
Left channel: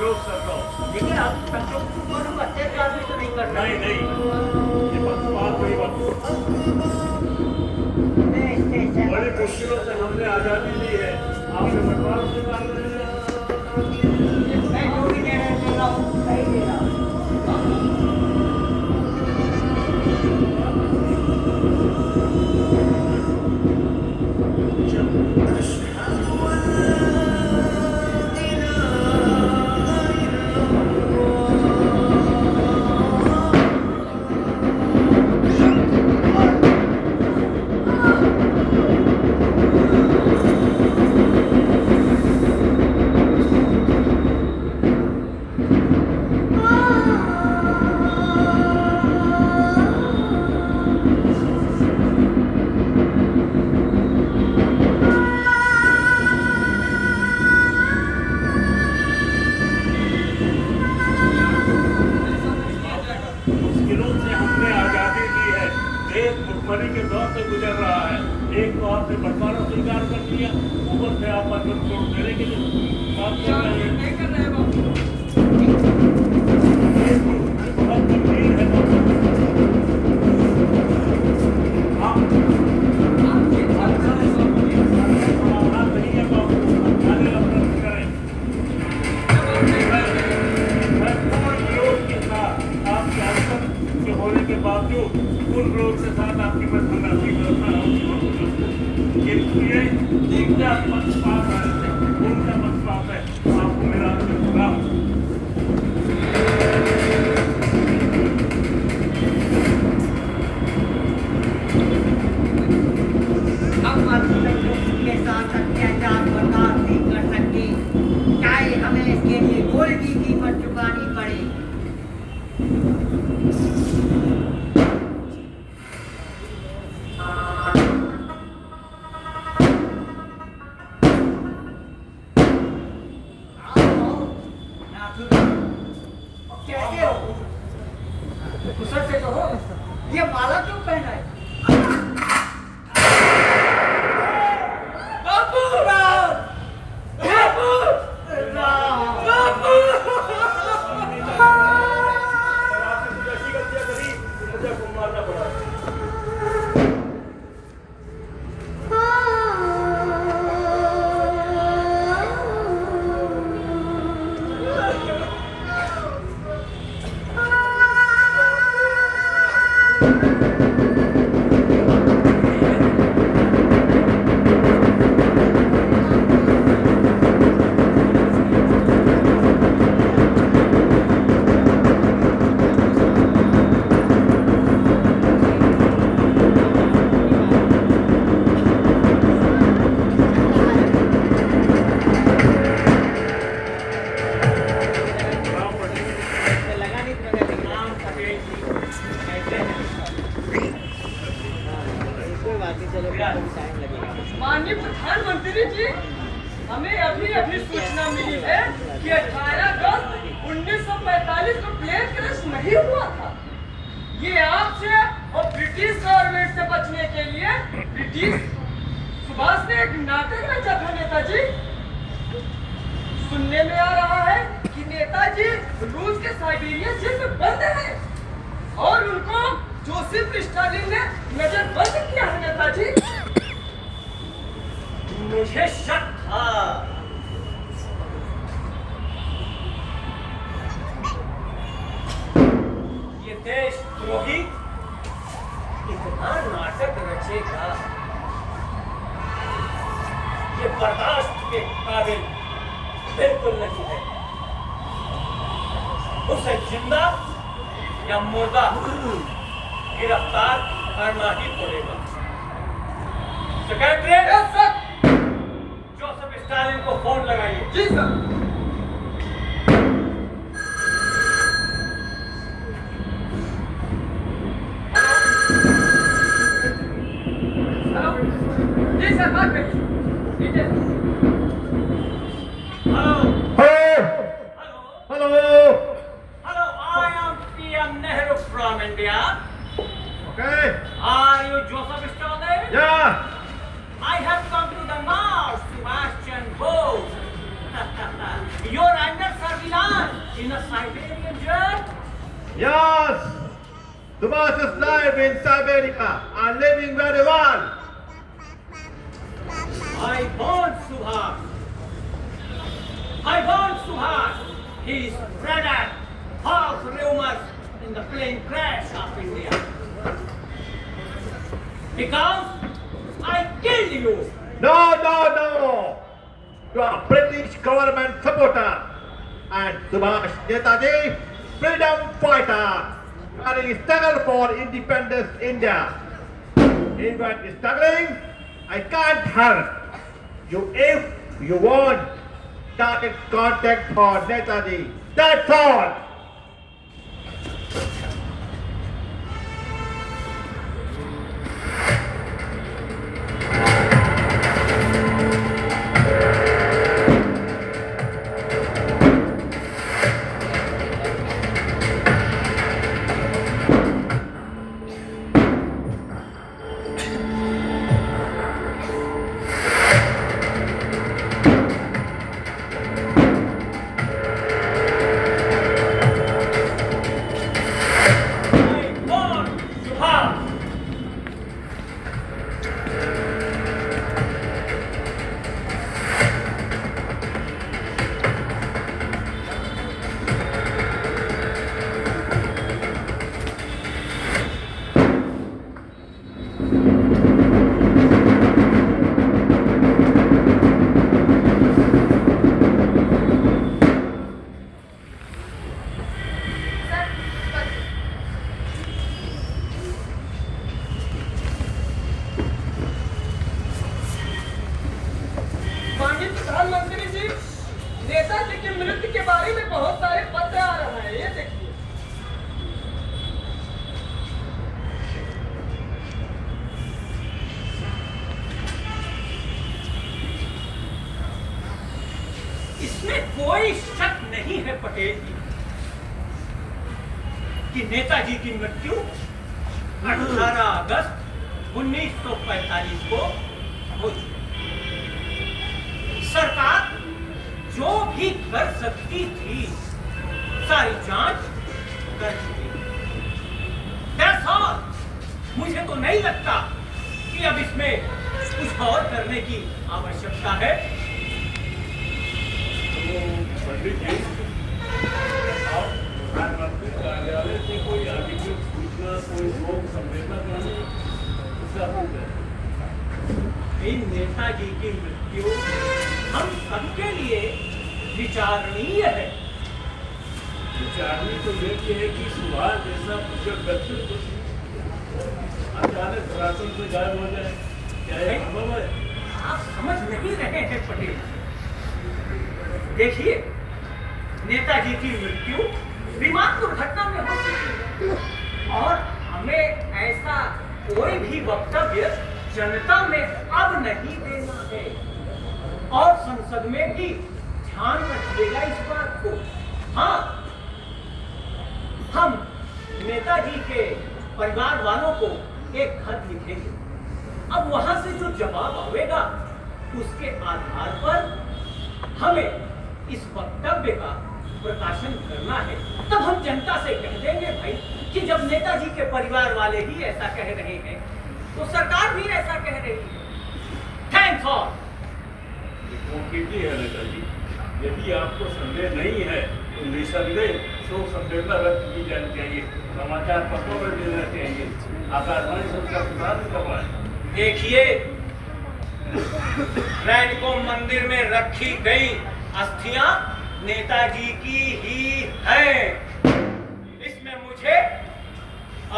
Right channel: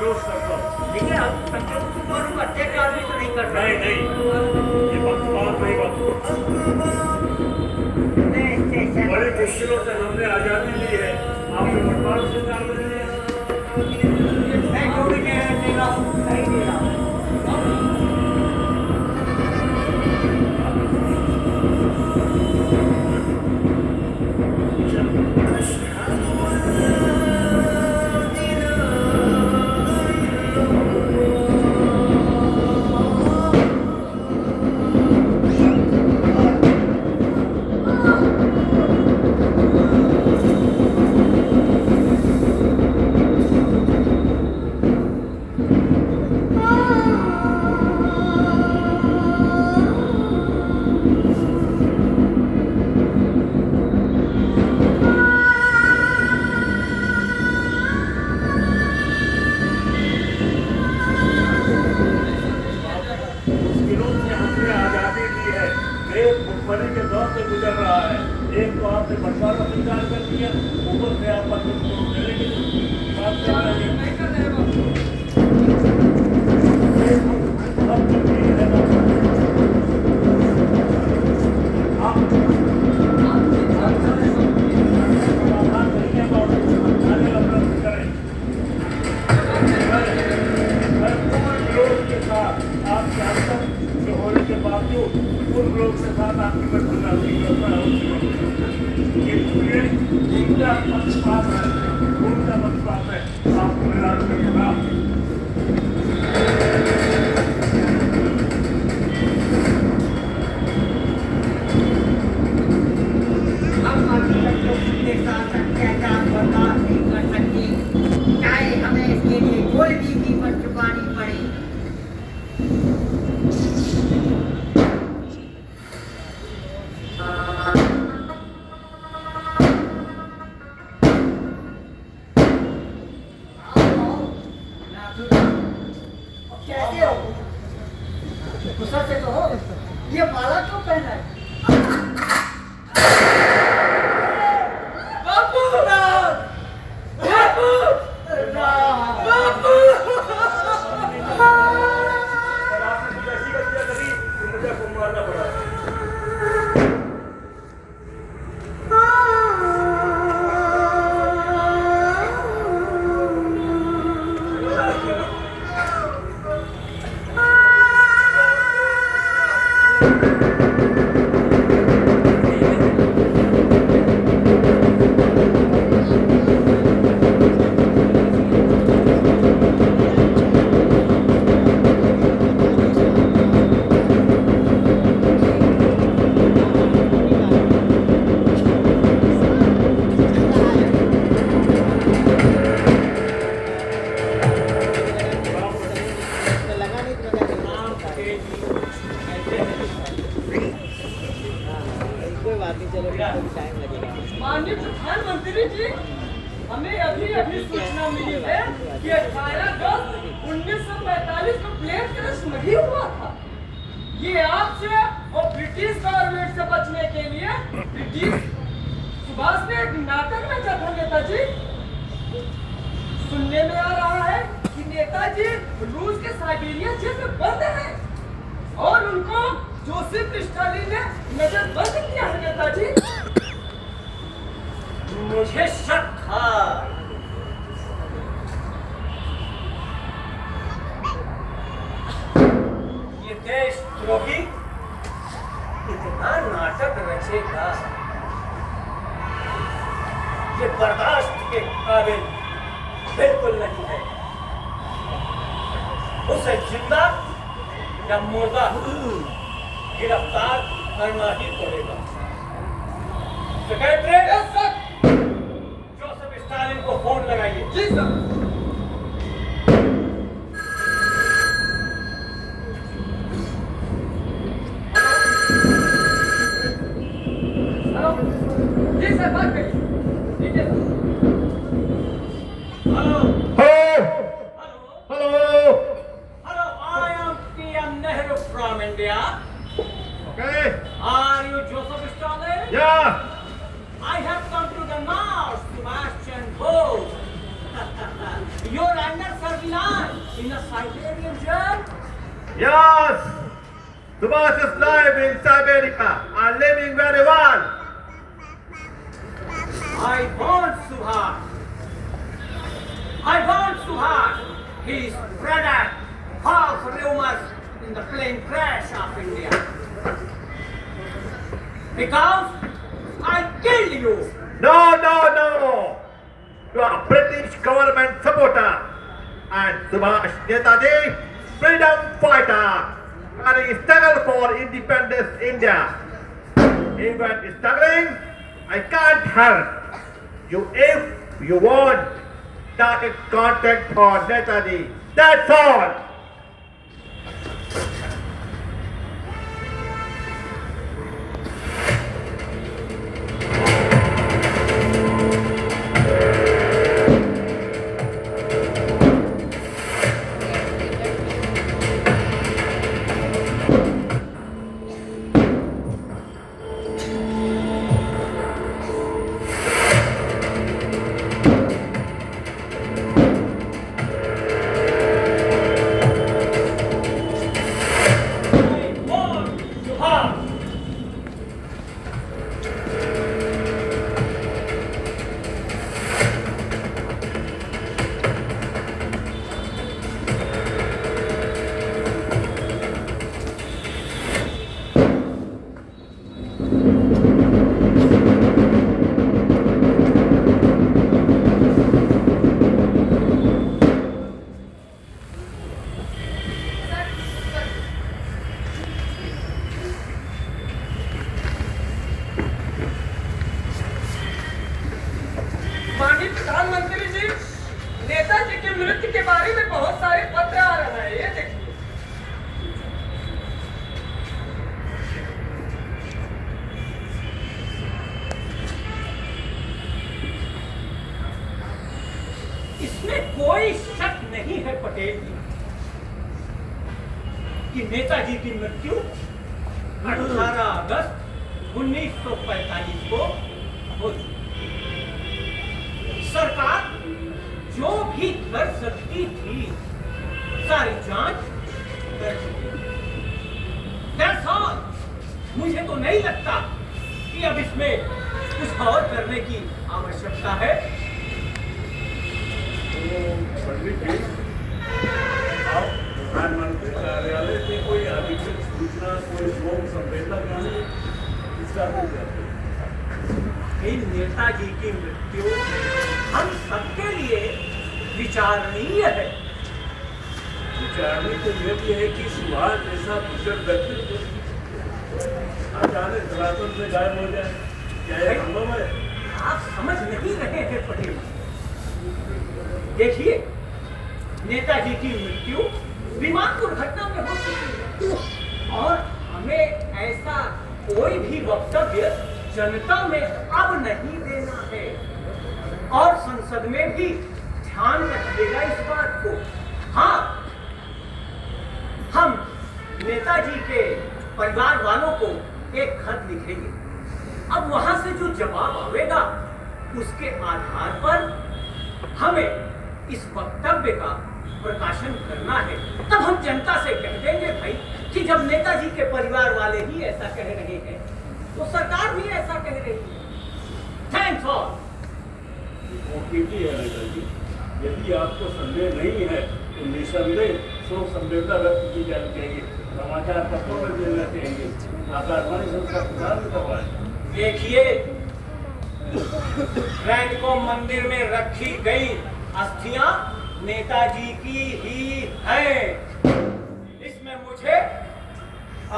विरोध करता हूँ। देखिए आप संक्षेप से बोलूंगा, अत्याचार भी तो नहीं कर रहा। नहीं ये पक्षपात नहीं बात। बड़ी मुश्किलों से हमने आजादी ली है, आपने बंटवारा स्वीकार कर लिया। मैं जो भी निर्णय ले रहा हूँ सही ले रहा हूँ। मुश्किलों से हमने आजादी ली है, एक भुखमरी के दौर से गुजर रहा है। एक तो आपने बंटवारा स्वीकार कर लिया, ऊपर से आप पर वोट देने के लिए बात कर रहे हैं। नहीं कर रहे हैं बाबू। सब कुछ ठीक है बाबू। आप नहीं है बाबू, आने अपना करें। मैं पूर्ण विरोध के साथ आपके अंतर जो होने के बावजूद पूर्ण विरोध के साथ आपकी मैं धन्यवादी करता हूँ। इसलिए जिनका पक्षपात है उनका पक्षपात है, आपको मेरा खिलाफ। हम अपनी बच्चों के साथ अत्याचार बर्दाश्त नहीं कर सकते, चाहे हमें इसके लिए कोई भी कीमत चुकानी पड़े। कैसे हो? कुशल से तो हो। ये माला क्यों पहना है? और आपने कुछ ऐसी गलतियां करी कि मुझे को मारना पड़ा। माननीय प्रधानमंत्री जी, हमें अभी अभी सूचना मिली है कि 18 अगस्त 1945 को प्लेन क्रैश नहीं हुआ था। ये आपसे और ब्रिटिश गवर्नमेंट से बचने के लिए ब्रिटिश सुभाष ने एक नाटक रचा था नेताजी। सुनने में आ रहा है कि नेताजी रूस के साइबेरिया जेल में बंद हैं और उनको जोसेफ स्टालिन ने नजरबंद किया है नेताजी। मुझे शक था। ये देशद्रोही इतना नाटक रचेगा, ये बर्दाश्त के काबिल बिल्कुल नहीं है। उसे जिंदा या मुर्दा गिरफ्तार करना ही पड़ेगा। सेक्रेटरी, जोसेफ स्टालिन को फोन लगाइए। जी सर। हेलो, जी सर, बात करिए। ठीक है। Hello Hello. Hello Hello, I am PM Nehru from India. Okay Are you Joseph Stalin? या I have come to the Mars, Sebastian Bose. Yes, Subhash is live in Siberia and living very well. I want Subhash. I want Subhash. He spread false rumors in the plane crash of India. Because I killed you. No, no, no. You are a British government supporter. And Subhash Netaji, freedom fighter. And he struggled for independence India. Even struggling, I can't help you. If you want, start a contact for Netaji. That's all. माननीय प्रधानमंत्री जी, नेताजी की मृत्यु के बारे में बहुत सारे पत्र आ रहे हैं। ये देखिए। इसमें कोई शक नहीं है पटेल जी कि नेताजी की मृत्यु 18 अगस्त 1945 को हो चुकी। सरकार जो भी कर सकती थी सारी जांच कर चुकी। That's all। मुझे तो नहीं लगता कि अब इसमें कुछ और करने की आवश्यकता है। तो पंडित जी, आप प्रधानमंत्री कार्यालय से कोई अधिकृत सूचना, कोई शोक संवेदना इसका इन नेताजी की मृत्यु हम सबके लिए विचारणीय है। विचारणी तो ये भी है कि सुभाष जैसा कुशल व्यक्ति अचानक राशन से गायब हो जाए, क्या ये संभव है? आप समझ नहीं रहे हैं पटेल। देखिए, नेताजी की मृत्यु विमान दुर्घटना में हो चुकी है और हमें ऐसा कोई भी वक्तव्य जनता में अब नहीं देना है और संसद में भी ध्यान रखिएगा इस बात को। हाँ, हम नेताजी के परिवार वालों को एक खत लिखेंगे। अब वहां से जो जवाब आवेगा उसके आधार पर हमें इस वक्तव्य का प्रकाशन करना है। तब हम जनता से कह देंगे भाई कि जब नेताजी के परिवार वाले ही ऐसा कह रहे हैं तो सरकार भी ऐसा कह रही है। Thanks all. कीजिए है नेताजी, यदि आपको संदेह नहीं है तो निसंदेह शोक संवेदना व्यक्त की जानी चाहिए, समाचार पत्रों में देना चाहिए, आकाशवाणी से उसका प्रसारण करवाएं। देखिए, रैडको मंदिर में रखी गई अस्थियां नेताजी की ही हैं। इसमें मुझे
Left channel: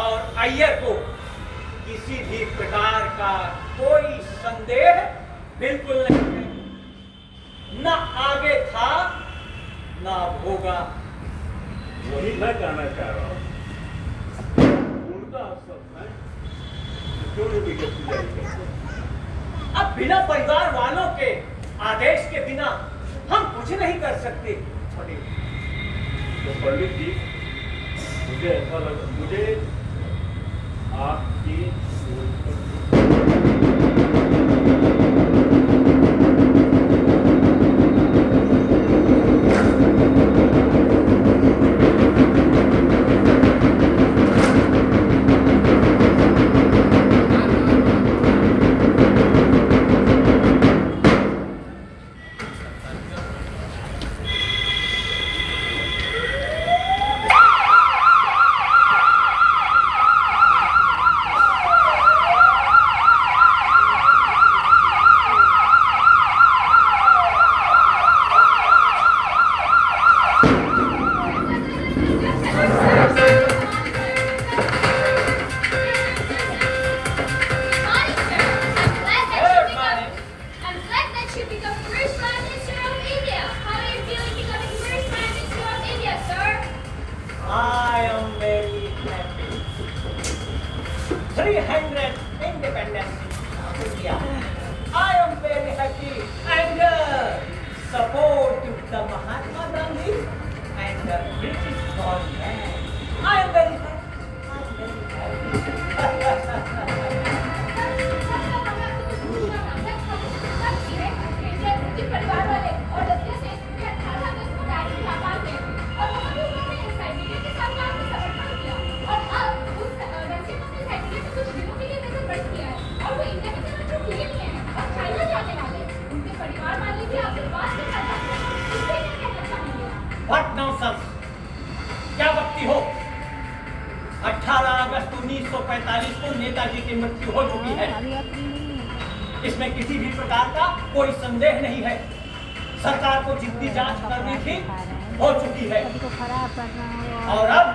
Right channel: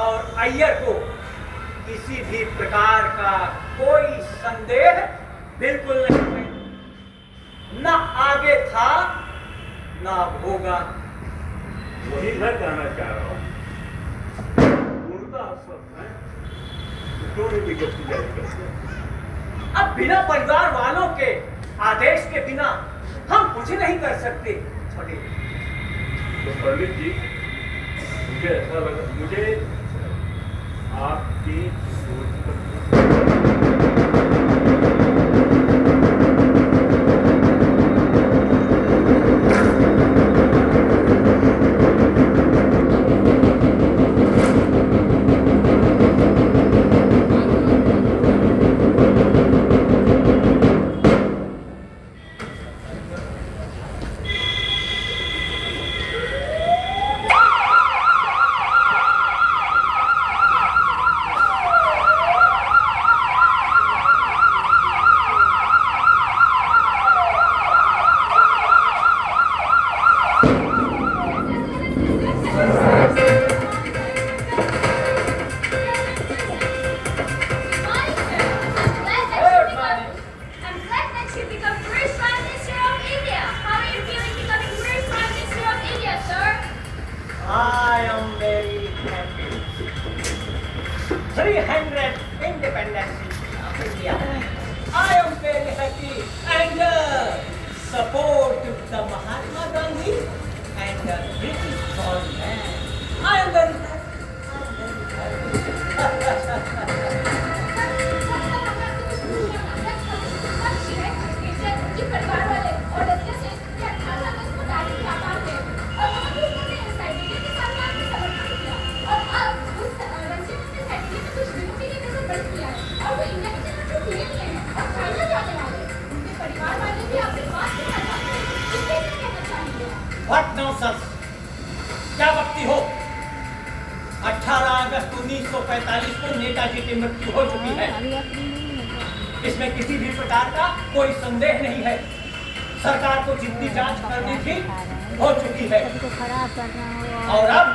और अय्यर को किसी भी प्रकार का कोई संदेह बिल्कुल नहीं है। न आगे था न अब होगा। वही मैं कहना चाह रहा हूँ। पूर्णतः सत्य है, थोड़ी विज्ञप्ति जारी करते हैं। अब बिना परिवार वालों के आदेश के बिना हम कुछ नहीं कर सकते। तो पंडित जी, मुझे ऐसा लगा, मुझे आपकी व्हाट नॉनसेंस! क्या बकती हो? 18 अगस्त 1945 को नेताजी की मृत्यु हो चुकी है। इसमें किसी भी प्रकार का कोई संदेह नहीं है। सरकार को जितनी जांच करनी थी हो चुकी है और अब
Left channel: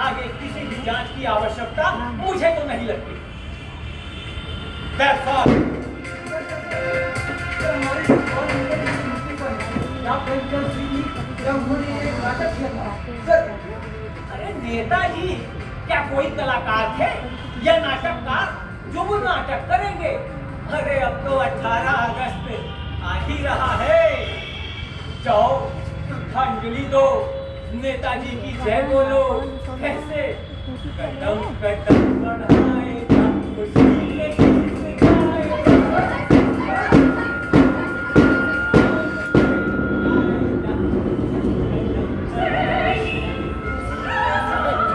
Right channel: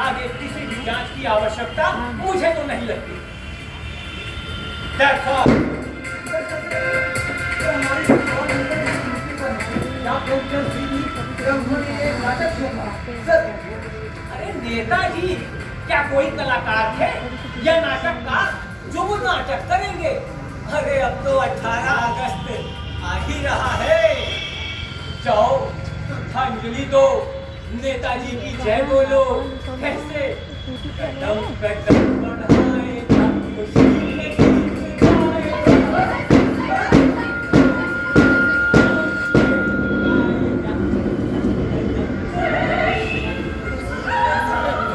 आगे किसी भी जांच की आवश्यकता मुझे तो नहीं लगती। That's all. अरे नेताजी क्या कोई कलाकार थे या नाटककार जो वो नाटक करेंगे? अरे अब तो 18 अगस्त आ ही रहा है। जाओ श्रद्धांजलि दो, नेताजी की जय बोलो। कैसे कदम कदम बढ़ाए खुशी के गीत गाए।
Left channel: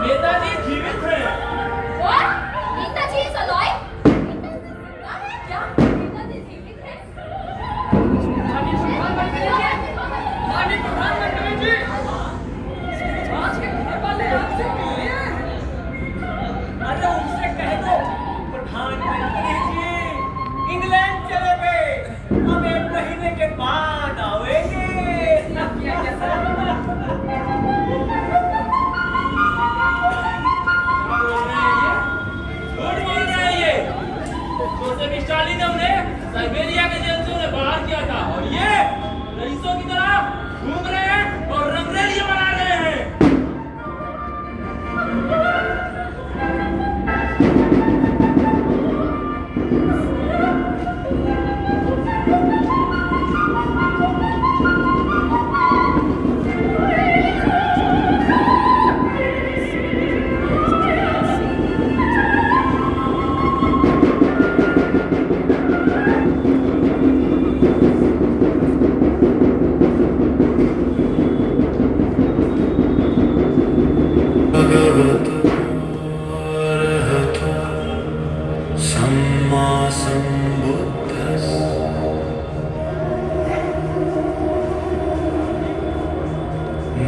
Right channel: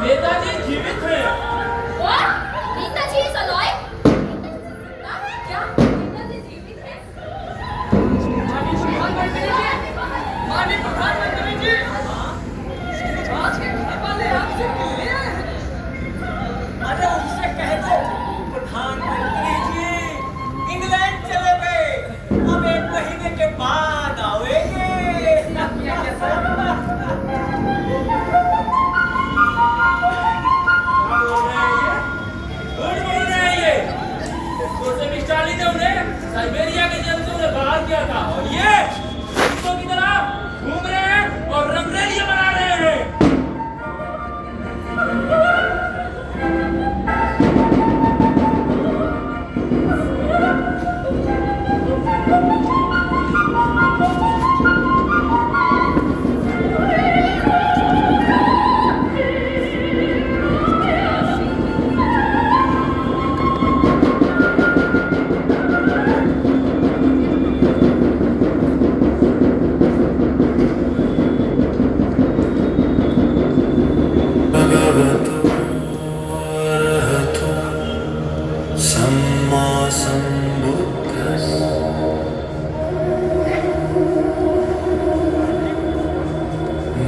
नेताजी जीवित हैं। Netaji is alive? क्या नेताजी जीवित हैं? माननीय प्रधानमंत्री जी, आज के घर वाले आपसे मिलने आए हैं। अरे उनसे कह दो प्रधानमंत्री जी इंग्लैंड चले गए, अब 1 महीने के बाद आएंगे। झूठ बोल रहे हैं ये। जोसेफ स्टालिन ने उन्हें साइबेरिया के जेल से उन्हें बाहर किया था और ये कुत्तों की तरह घूम रहे हैं और रंगरेलियां बना रहे हैं।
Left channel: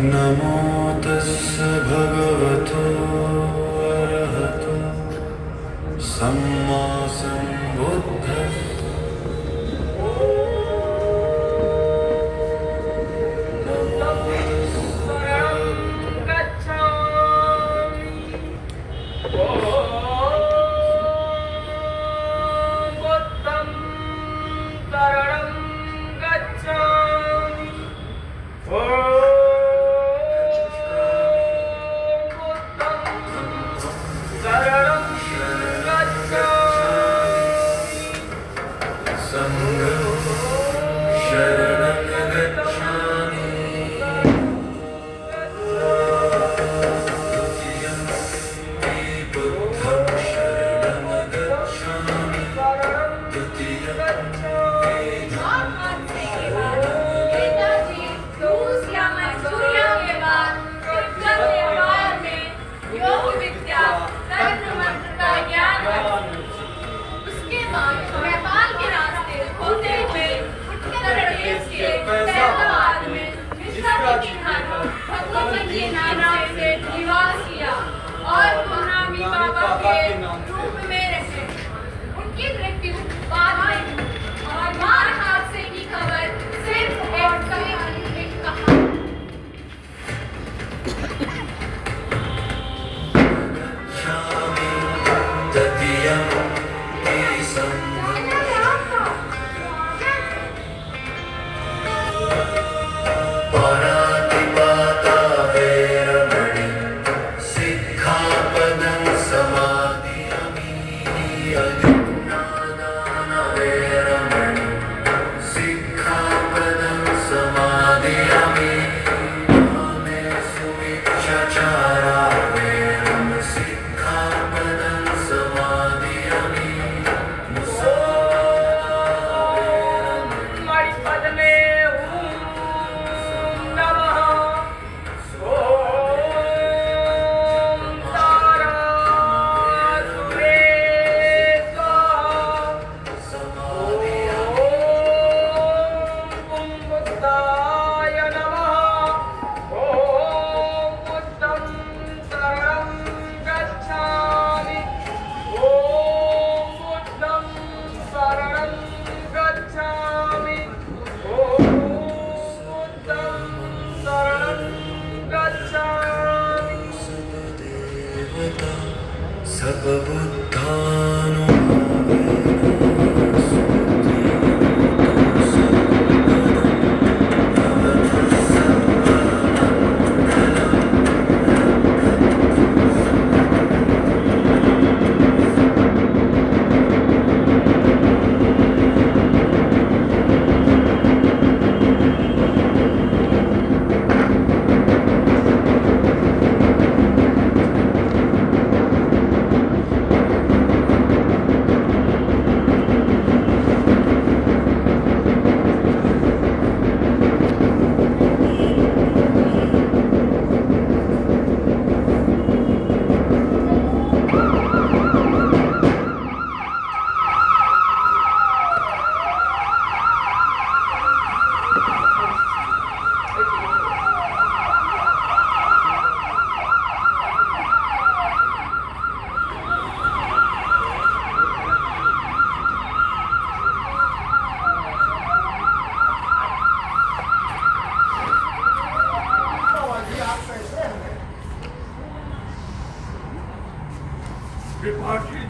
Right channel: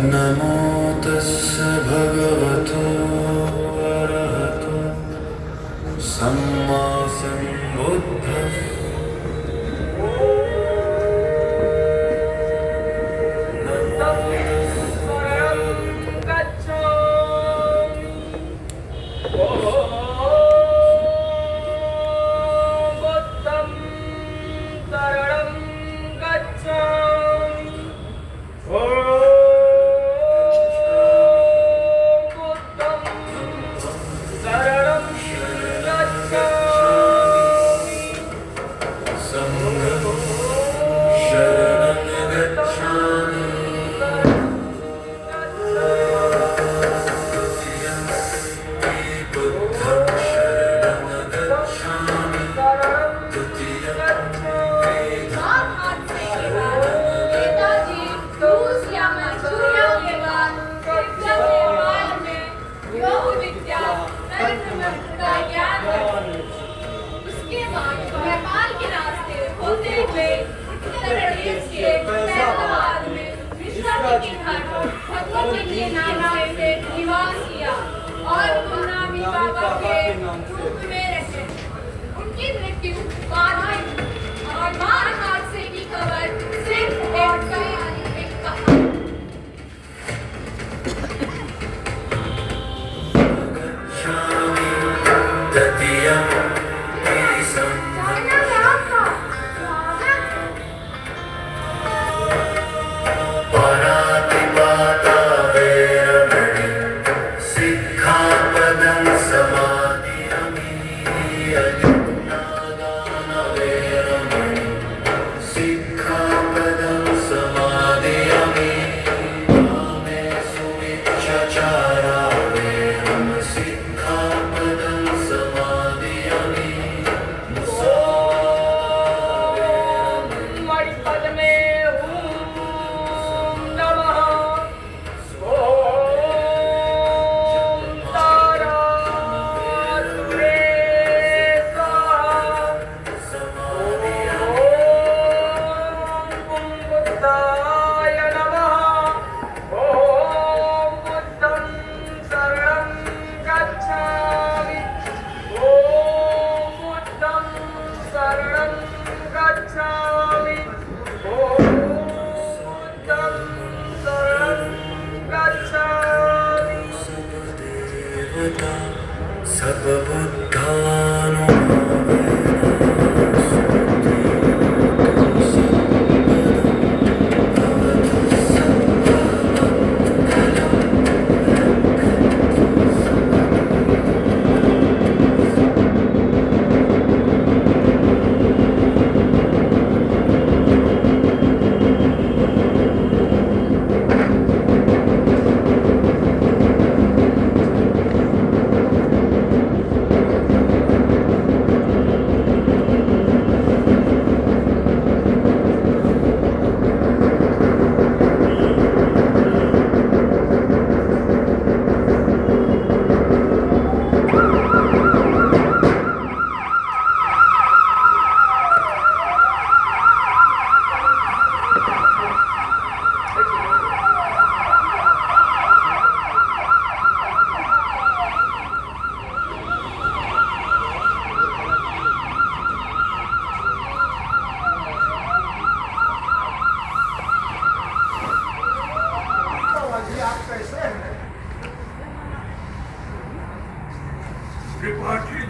नमो तस्स भगवतो अरहतो सम्मा सम्बुद्धस्स।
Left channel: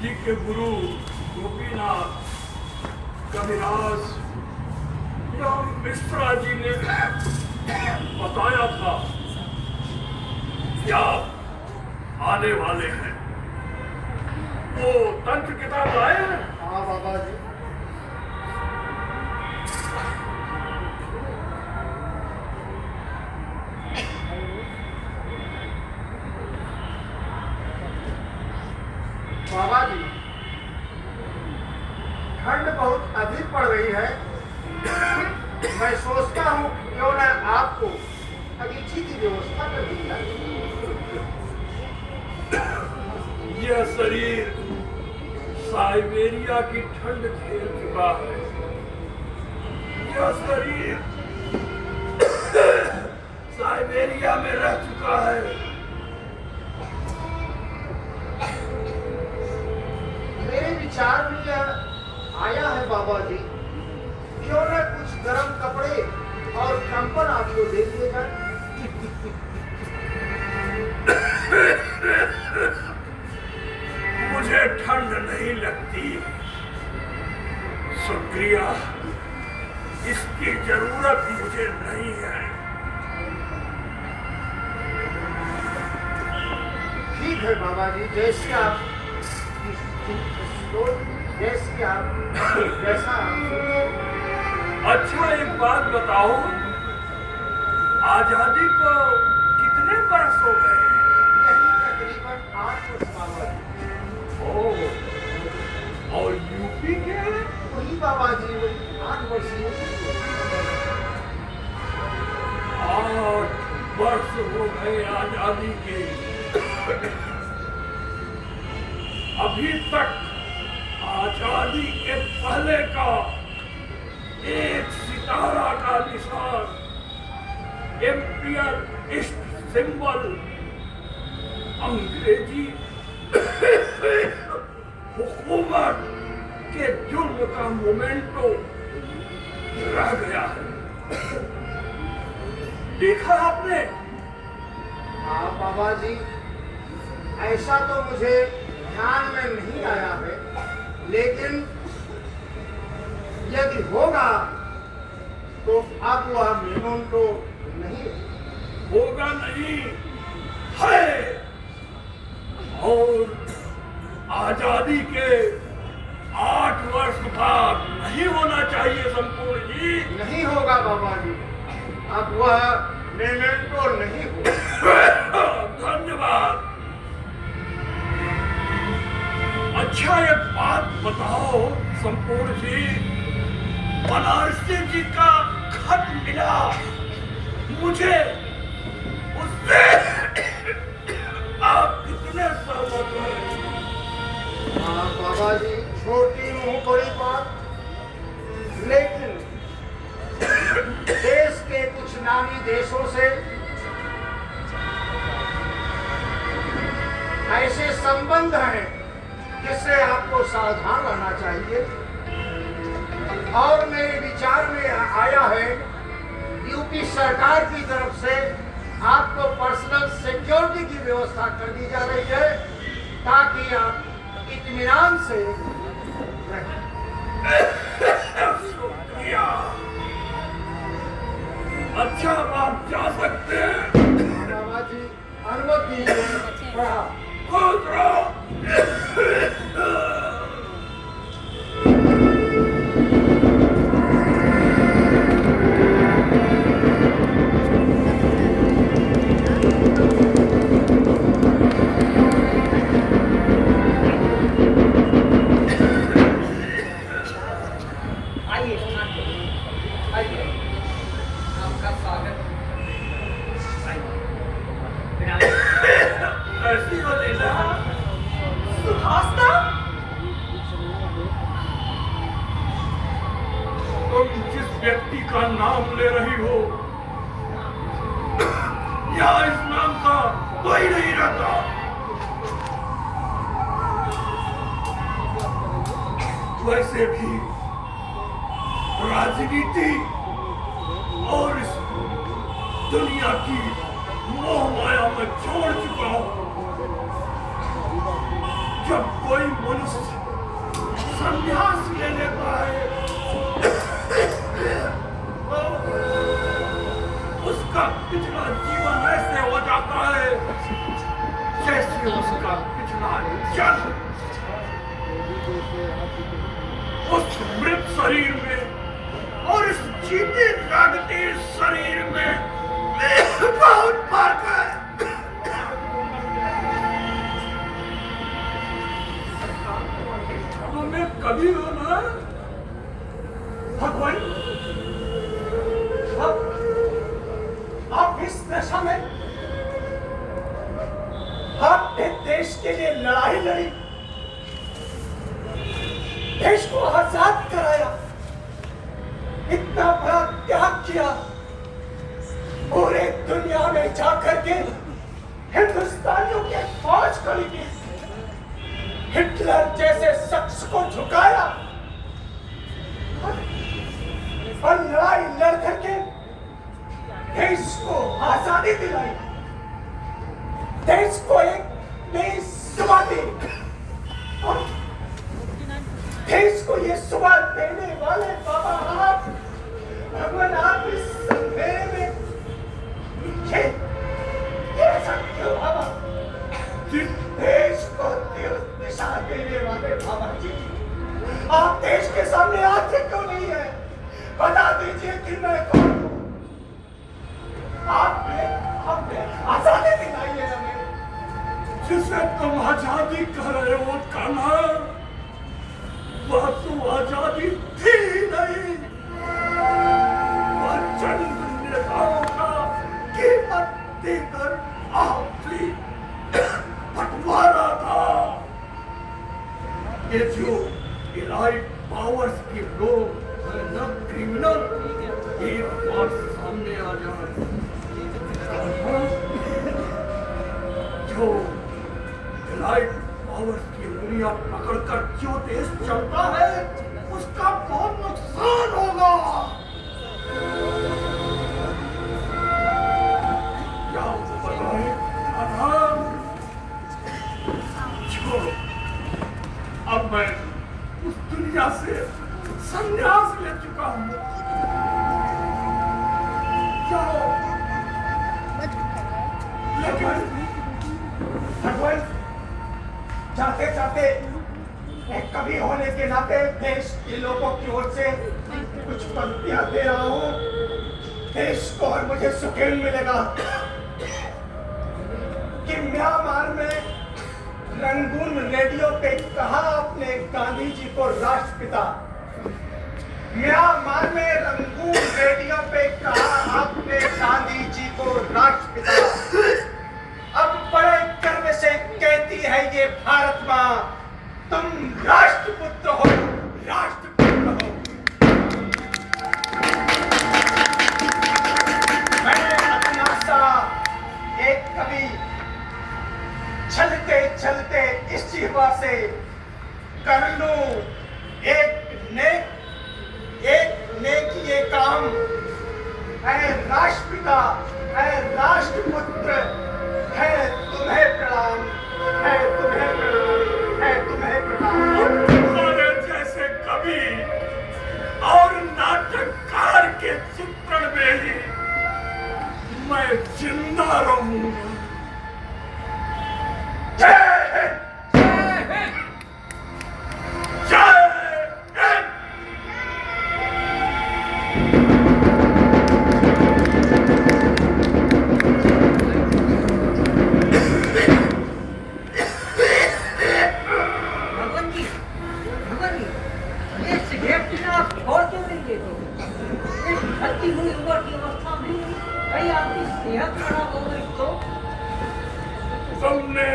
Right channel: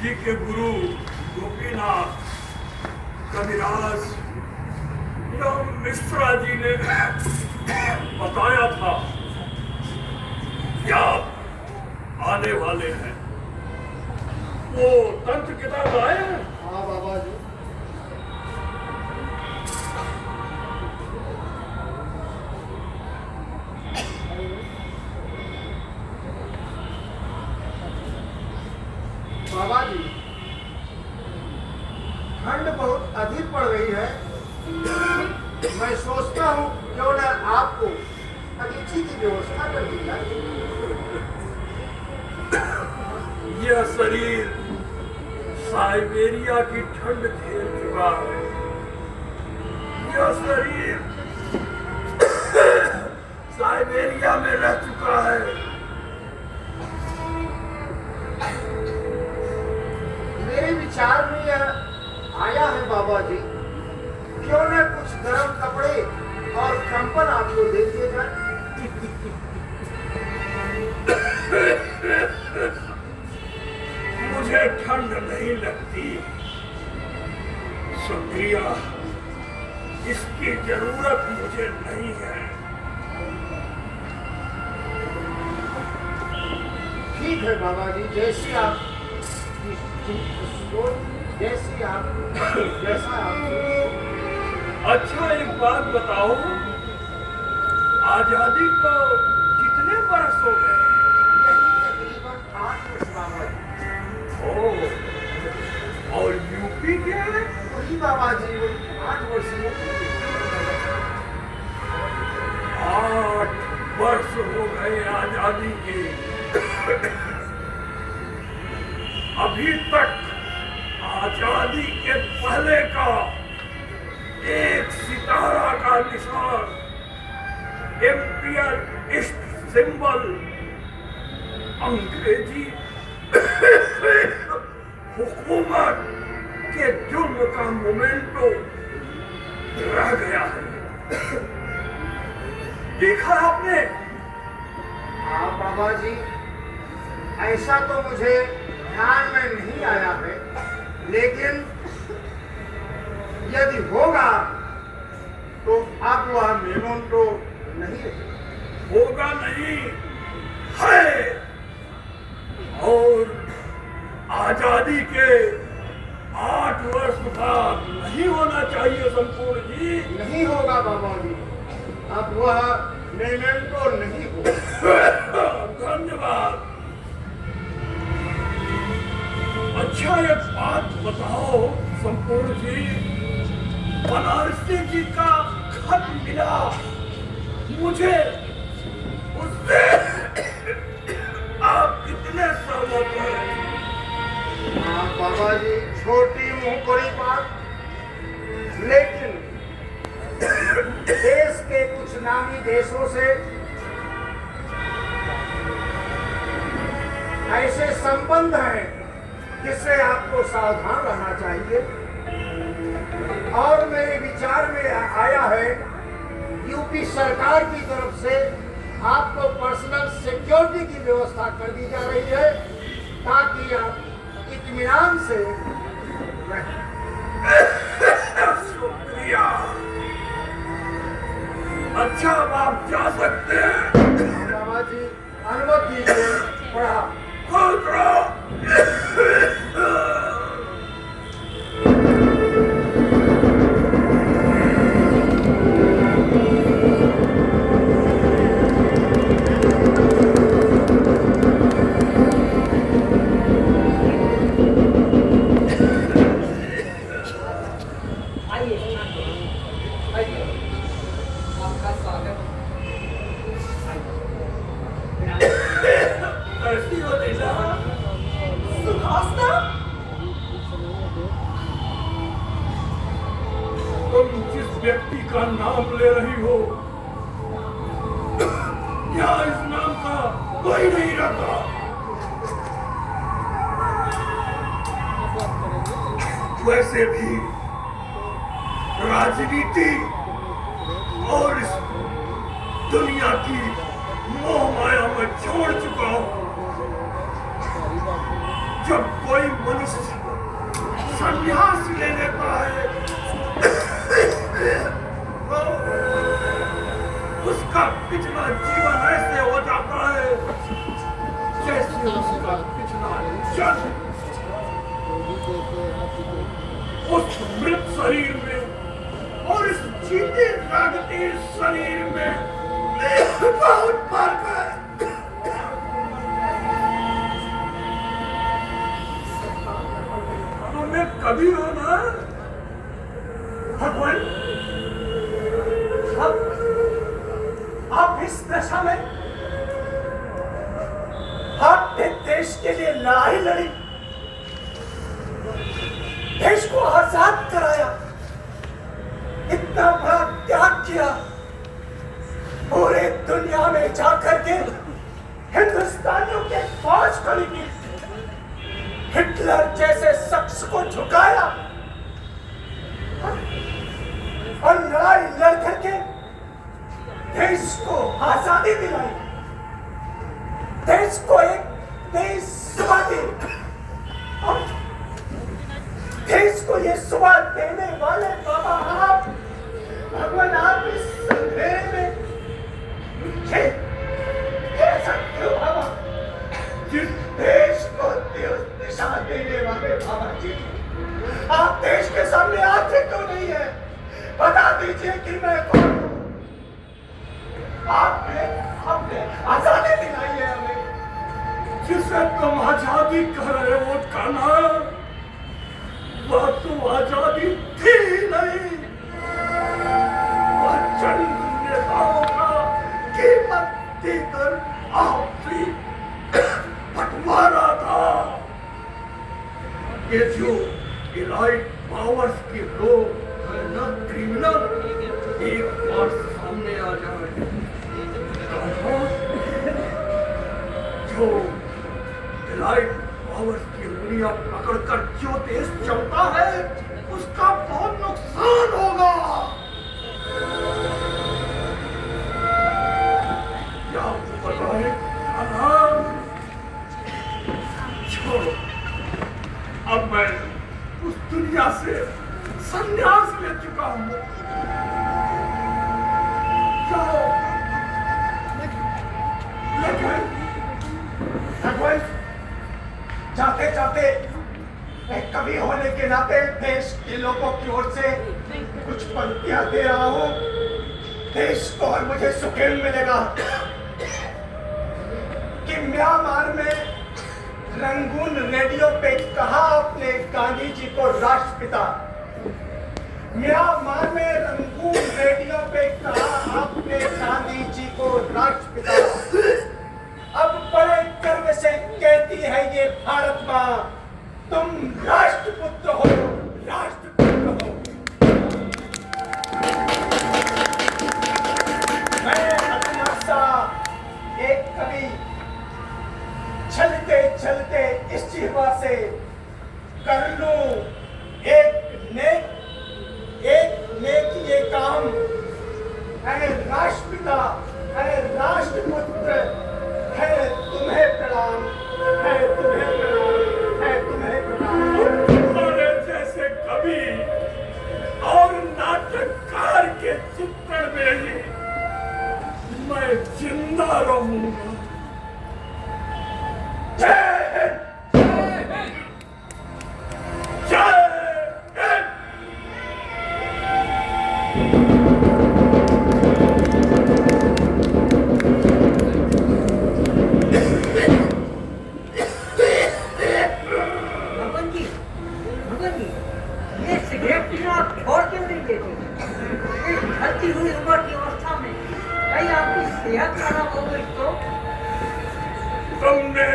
जी के गुरु गोपीनाथ, कविराज या मिश्रा जी ने बताया था कि आप आने वाले हैं। वो तंत्र किताब आए हैं? हाँ बाबा जी। बाबा जी, ठंड बहुत अधिक पड़ रही है। मैं सोचता हूँ क्यों न आपको अगीची की व्यवस्था कर दी जाए। यह शरीर साइबेरिया की ठंड झेल चुका है। यह शरीर साइबेरिया में रह चुका है। मेरे विचार में यह आया है बाबा जी, क्यों न कुछ गर्म कपड़े और कंबल आपको दे दिए जाए। मुझे ठंड नहीं लगती। शुक्रिया, इसकी जरूरत मुझे नहीं है। ठीक है बाबा जी, जैसी आप जैसा आप। अच्छा, एक बात बताओ, आजादी को कितने बरस हो गए? यही तकरीबन 8 वर्ष बाबा जी। ओह, और यूपी के? वही बाबा जी, 8 वर्ष। 8 वर्ष हो गए आजादी के। अभी तक आजादी के पहले का एक सितारा का निशान, एम्पियर ईस्ट सिंबल, अंग्रेजी हुकूमत के जुर्म का मोमेंटो रह गया है। देखा आपने? हाँ बाबा जी, ऐसा तो मुझे ध्यान में नहीं आया है, लेकिन यदि होगा तो अब वह मेमोंटो नहीं रहेगा। होगा नहीं है। और आजादी के 8 वर्ष बाद नहीं होना चाहिए संपूर्ण जी। नहीं होगा बाबा जी, अब वह मेमेंटो नहीं होगा। धन्यवाद। अच्छा, एक बात बताओ संपूर्ण जी, बनारसी जी का खत मिला मुझे, उससे आप कितने सहमत हैं? हाँ बाबा जी, छोटी मुंह बड़ी बात, लेकिन देश के कुछ नामी देशों से ऐसे संबंध हैं जिससे आपको सावधान रहना चाहिए। और मेरे विचार में आया है, यूपी सरकार की तरफ से आपको पर्सनल सिक्योरिटी की व्यवस्था कर दी जा रही है, ताकि आप इत्मीनान से रहें। शुक्रिया। अच्छा, अब आप जा सकते हैं। बाबा जी, अनुमति दीजिए। पढ़ा। खुद रहो। आइए आइए, आपका स्वागत। कैसी हो लीला? सुहासना, तुम जिस व्यक्ति का नाम ले रही हो, यहाँ इस नाम का कोई नहीं रहता। वैसे भी राजनीति और इस दुनिया की मोह माया में छोड़ चुका हूं। जब कोई मनुष्य उसका पिछला जीवन ऐसे हो जाता है जैसे उसका पिछला जन्म उस मृत शरीर में और इस जीते जागते शरीर में बहुत फर्क है। हमें कभी हो ना भगवान, आप इस दशा में आपने देश के लिए लड़ाई लड़ी, देश को आजाद कराया, इतना बड़ा त्याग किया, पूरे दुनिया में जाकर के हिंदुस्तानियों के फौज खड़ी की, हिटलर जैसे शख्स को झुकाया और लड़ाई लड़ करके देश को आजादी दिलाई, देश को एक नई सुबह दी। और देश को ये सुबह देने वाले बाबा आप, भगवान आप इस अंधेरे में ऐसा क्यों बाबा? जिस देश को दिशा देने वाले बाबा जी, आप देश के सामने आते क्यों नहीं है? बता दीजिए कि मैं कौन हूँ। आपने आजादी दिलाई है हमें। जिसे तुम आजादी कह रहे हो कान्हा, वह तो आजादी थी नहीं, वह चंद नेताओं का कीमत देकर आपसी बंटवारा था। ये जो इलाइट पावर्स के लोग है ना क्रिमिनल, एक बार सामने आ जाए, जो इलाइट पावर्स की उंगलियां पकड़कर जो देश चलता है उसका बहुत नुकसान होगा। क्या आपको पता है कान्हा? छोड़ो, अब मैं उस दुनिया से संन्यास ले चुका हूं। जाओ, लेकिन भगवान, जाते जाते एक कवि होने के नाते देश के लोगों की ओर से कुछ पंक्तियां दे रहा हूं। देश को और मुझे सुकून मिलेगा कि म्यांमार में रंगून रेडियो पे कहा आपने गांधी जी को राष्ट्रपिता। म्यांमार में रंगून रेडियो पे कहा आपने गांधी जी को राष्ट्रपिता। अब बड़े गर्व से कहती है ये भारत माँ, तुम राष्ट्रपुत्र हो, राष्ट्रपुत्र हो। मैं अपना सा एक कवि चलते चलते इस जीवा से कर लूं एक नेक ये काम। है राष्ट्रपिता, है राष्ट्रपुत्र, है तुम्हें प्रणाम, है तुम्हें प्रणाम, है तुम्हें प्रणाम। तुम्हारे जैसे कवि और नाटककार के चित्रण में ही मैं जिंदा रहूंगा। जय हिंद, जय हिंद। भगवान जी, ये सिगरेट पीना आप और क्यों नहीं लेते? इस ढलती हुई उम्र की अवस्था में कहीं आपकी सेहत खराब हो गई तो? तुमने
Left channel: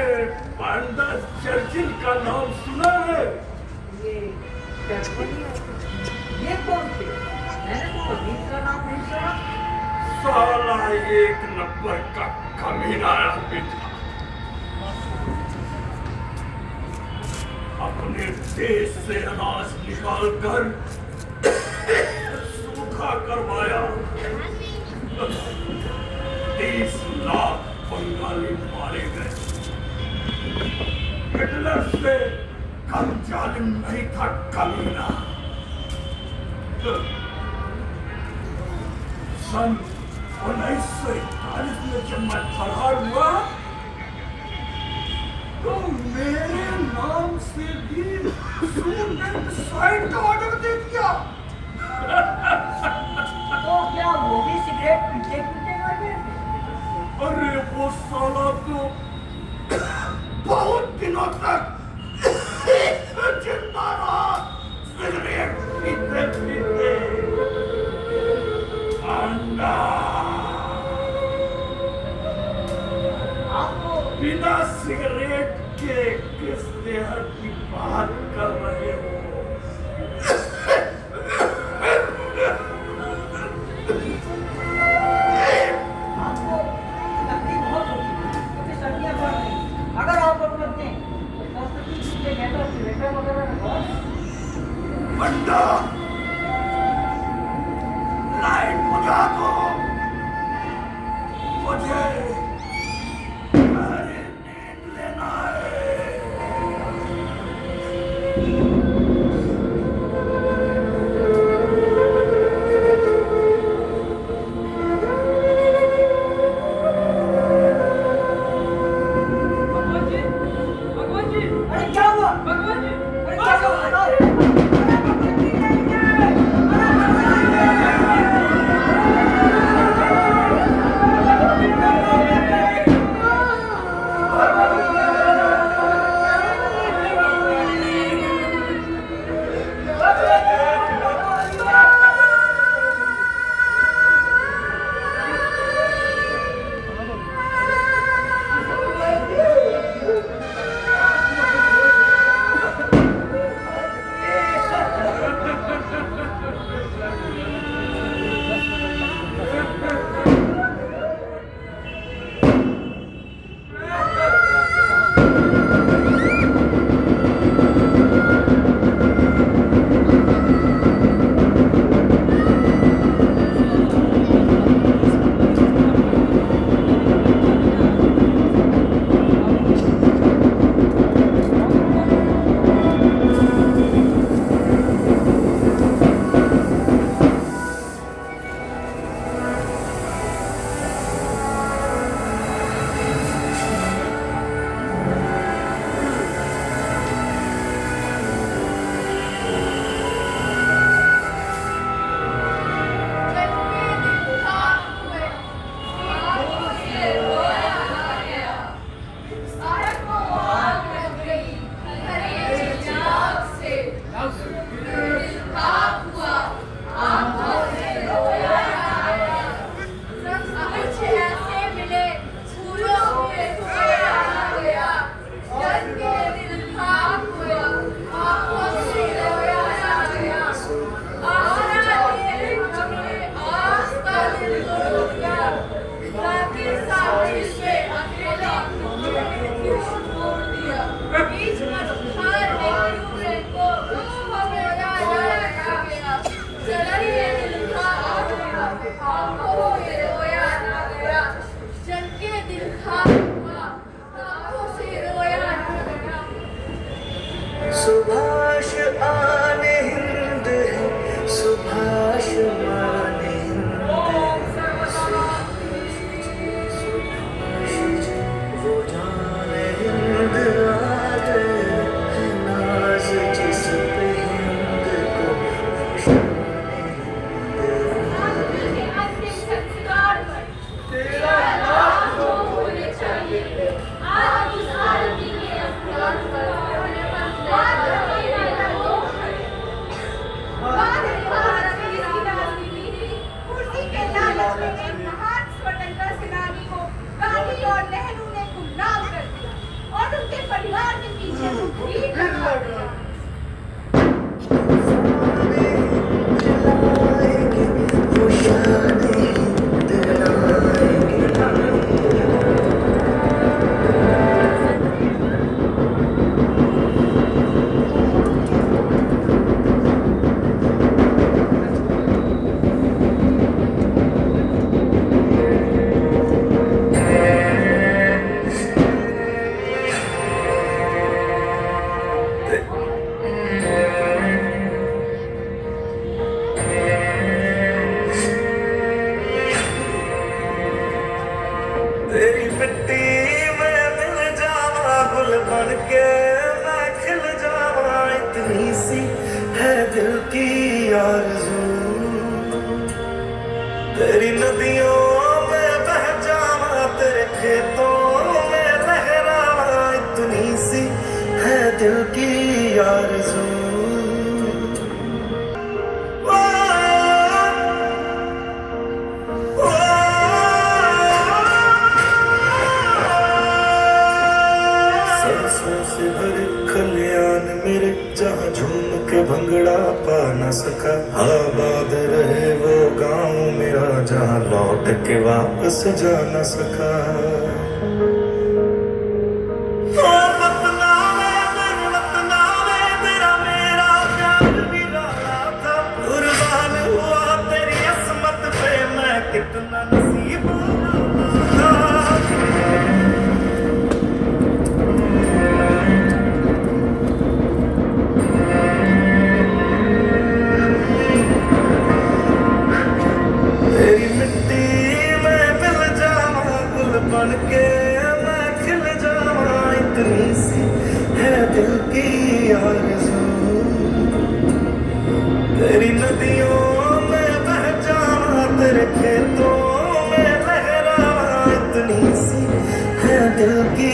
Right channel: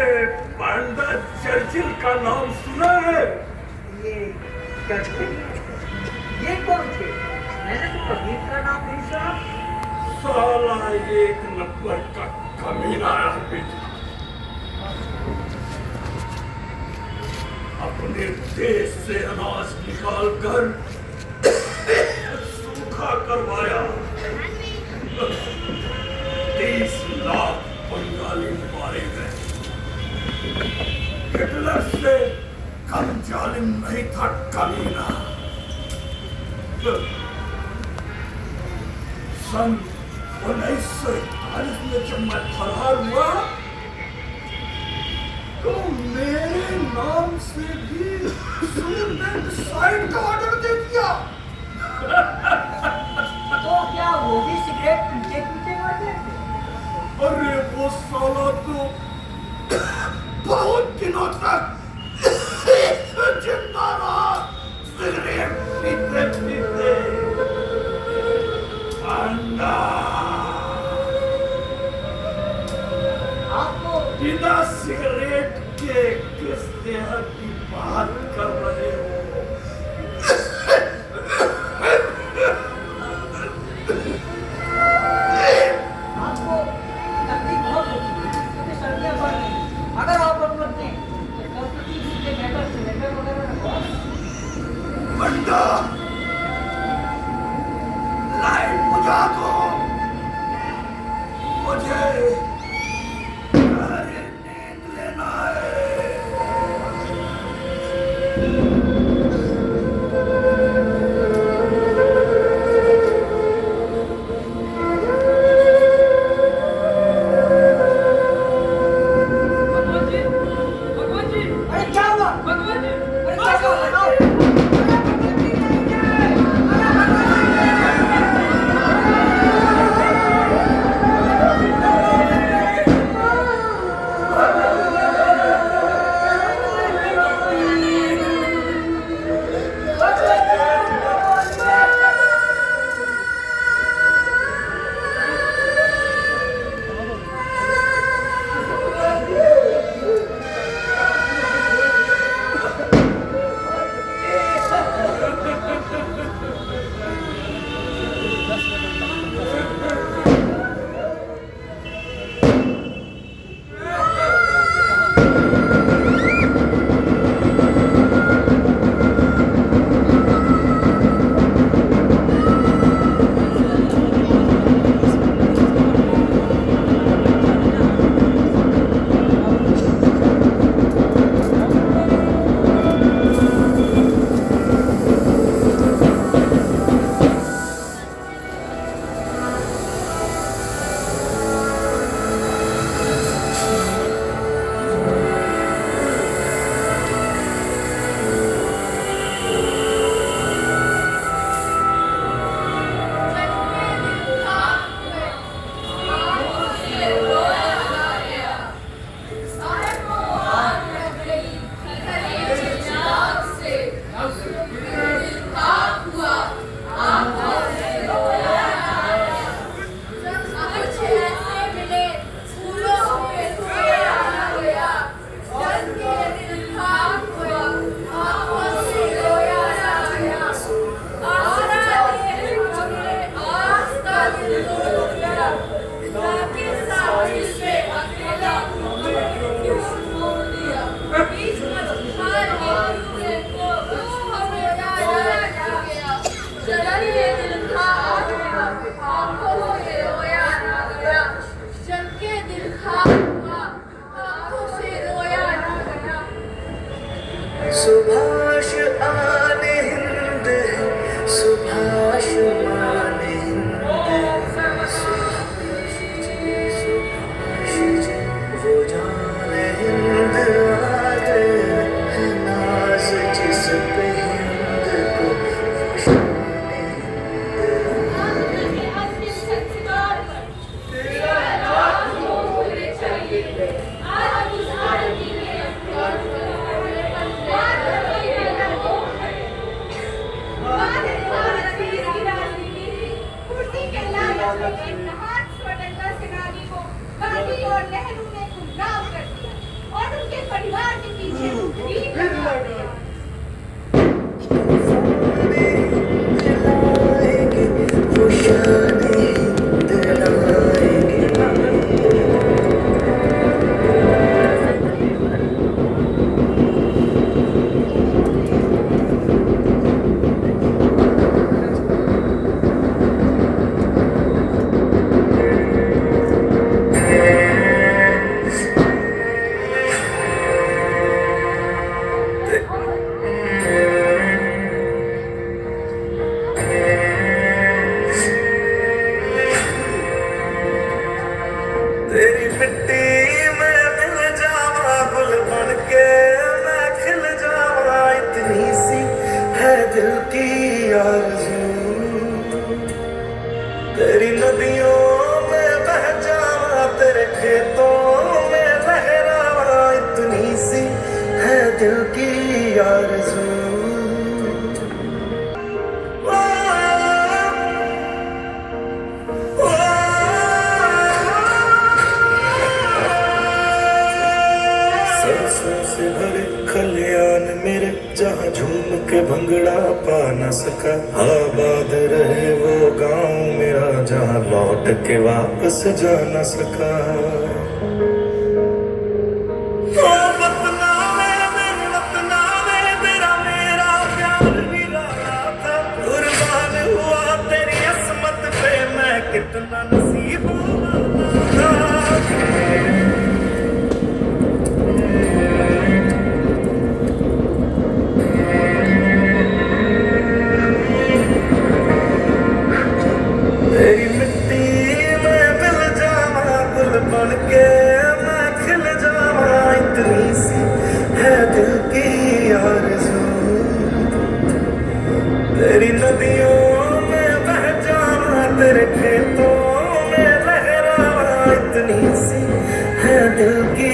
वांडा चर्चिल का नाम सुना है? ये चर्चिल? ये कौन थे? मैंने तो कभी का नाम नहीं सुना। साला एक नंबर का कमीना आदमी था। अपने देश से अनाज निकालकर सूखा करवाया। 30 लाख बंगाली मारे गए। हिटलर से कम जालिम नहीं था कमीना। सन 1941 में जब मैं फरार हुआ तो मेरे नाम से भी सुसाइड का ऑर्डर दे दिया। तो क्या वो भी सिगरेट पीते पीते मर गए? अरे वो साला तो बहुत दिनों तक जिंदा रहा सिगरेट पीते पीते। आपको बिना सिगरेट के किस देहर की बात कर रहे हो? आपको तकलीफ बहुत होती है क्योंकि सर्दियाँ बढ़ रही हैं। अगर आप अपने कस्टडी के बेहतर सिलेंडर वगैरह लगवाओ। बंदा लाइट बुझा दो, मुझे गहरी नींद लेना है। भगवान जी, भगवान जी, अरे क्या हुआ? भगवान जी, अरे क्या हुआ? बताओ। सुभाष आने हिंद सुभाष आने हिंद वो जाने हिंद आ गए नाज जिस पे हिंद को वो शाने हिंद आ गए। अंतिम संस्कार पर तेरा लाख लोग होने चाहिए। आज उस आरती के स्थान पर बात करने वाला लोग है। बात भारत की इसकी राजनीति कुर्सी के लालच में एक महान स्वतंत्रता सेनानी को गांधी और नेहरू ने गुमनाम कर दिया और उनके परिवार के पीछे मुखरी करवा दिया। वो शाने हिंद लाएंगे। तेरी नदियों में बह जावा, तेरे खेतों में लहरावा, इतनी सी है दिल की आरज़ू। सरसों से भरे खलियान मेरे, जहाँ झूम के भंगड़ा पा न सका। आबाद रहे वो गांव मेरा, जहाँ लौट के वापस जा न सका। तेरा मेरा प्यार निराला था, कुर्बान हुआ तेरी असमत पे, मैं कितना नसीब था। तेरी मिट्टी में मिल जावा, गुल बन के मैं खिल जावा, इतनी सी है दिल की आरज़ू। तेरी नदियों में बह जावा, तेरे खेतों में लहरावा, इतनी सी है दिल की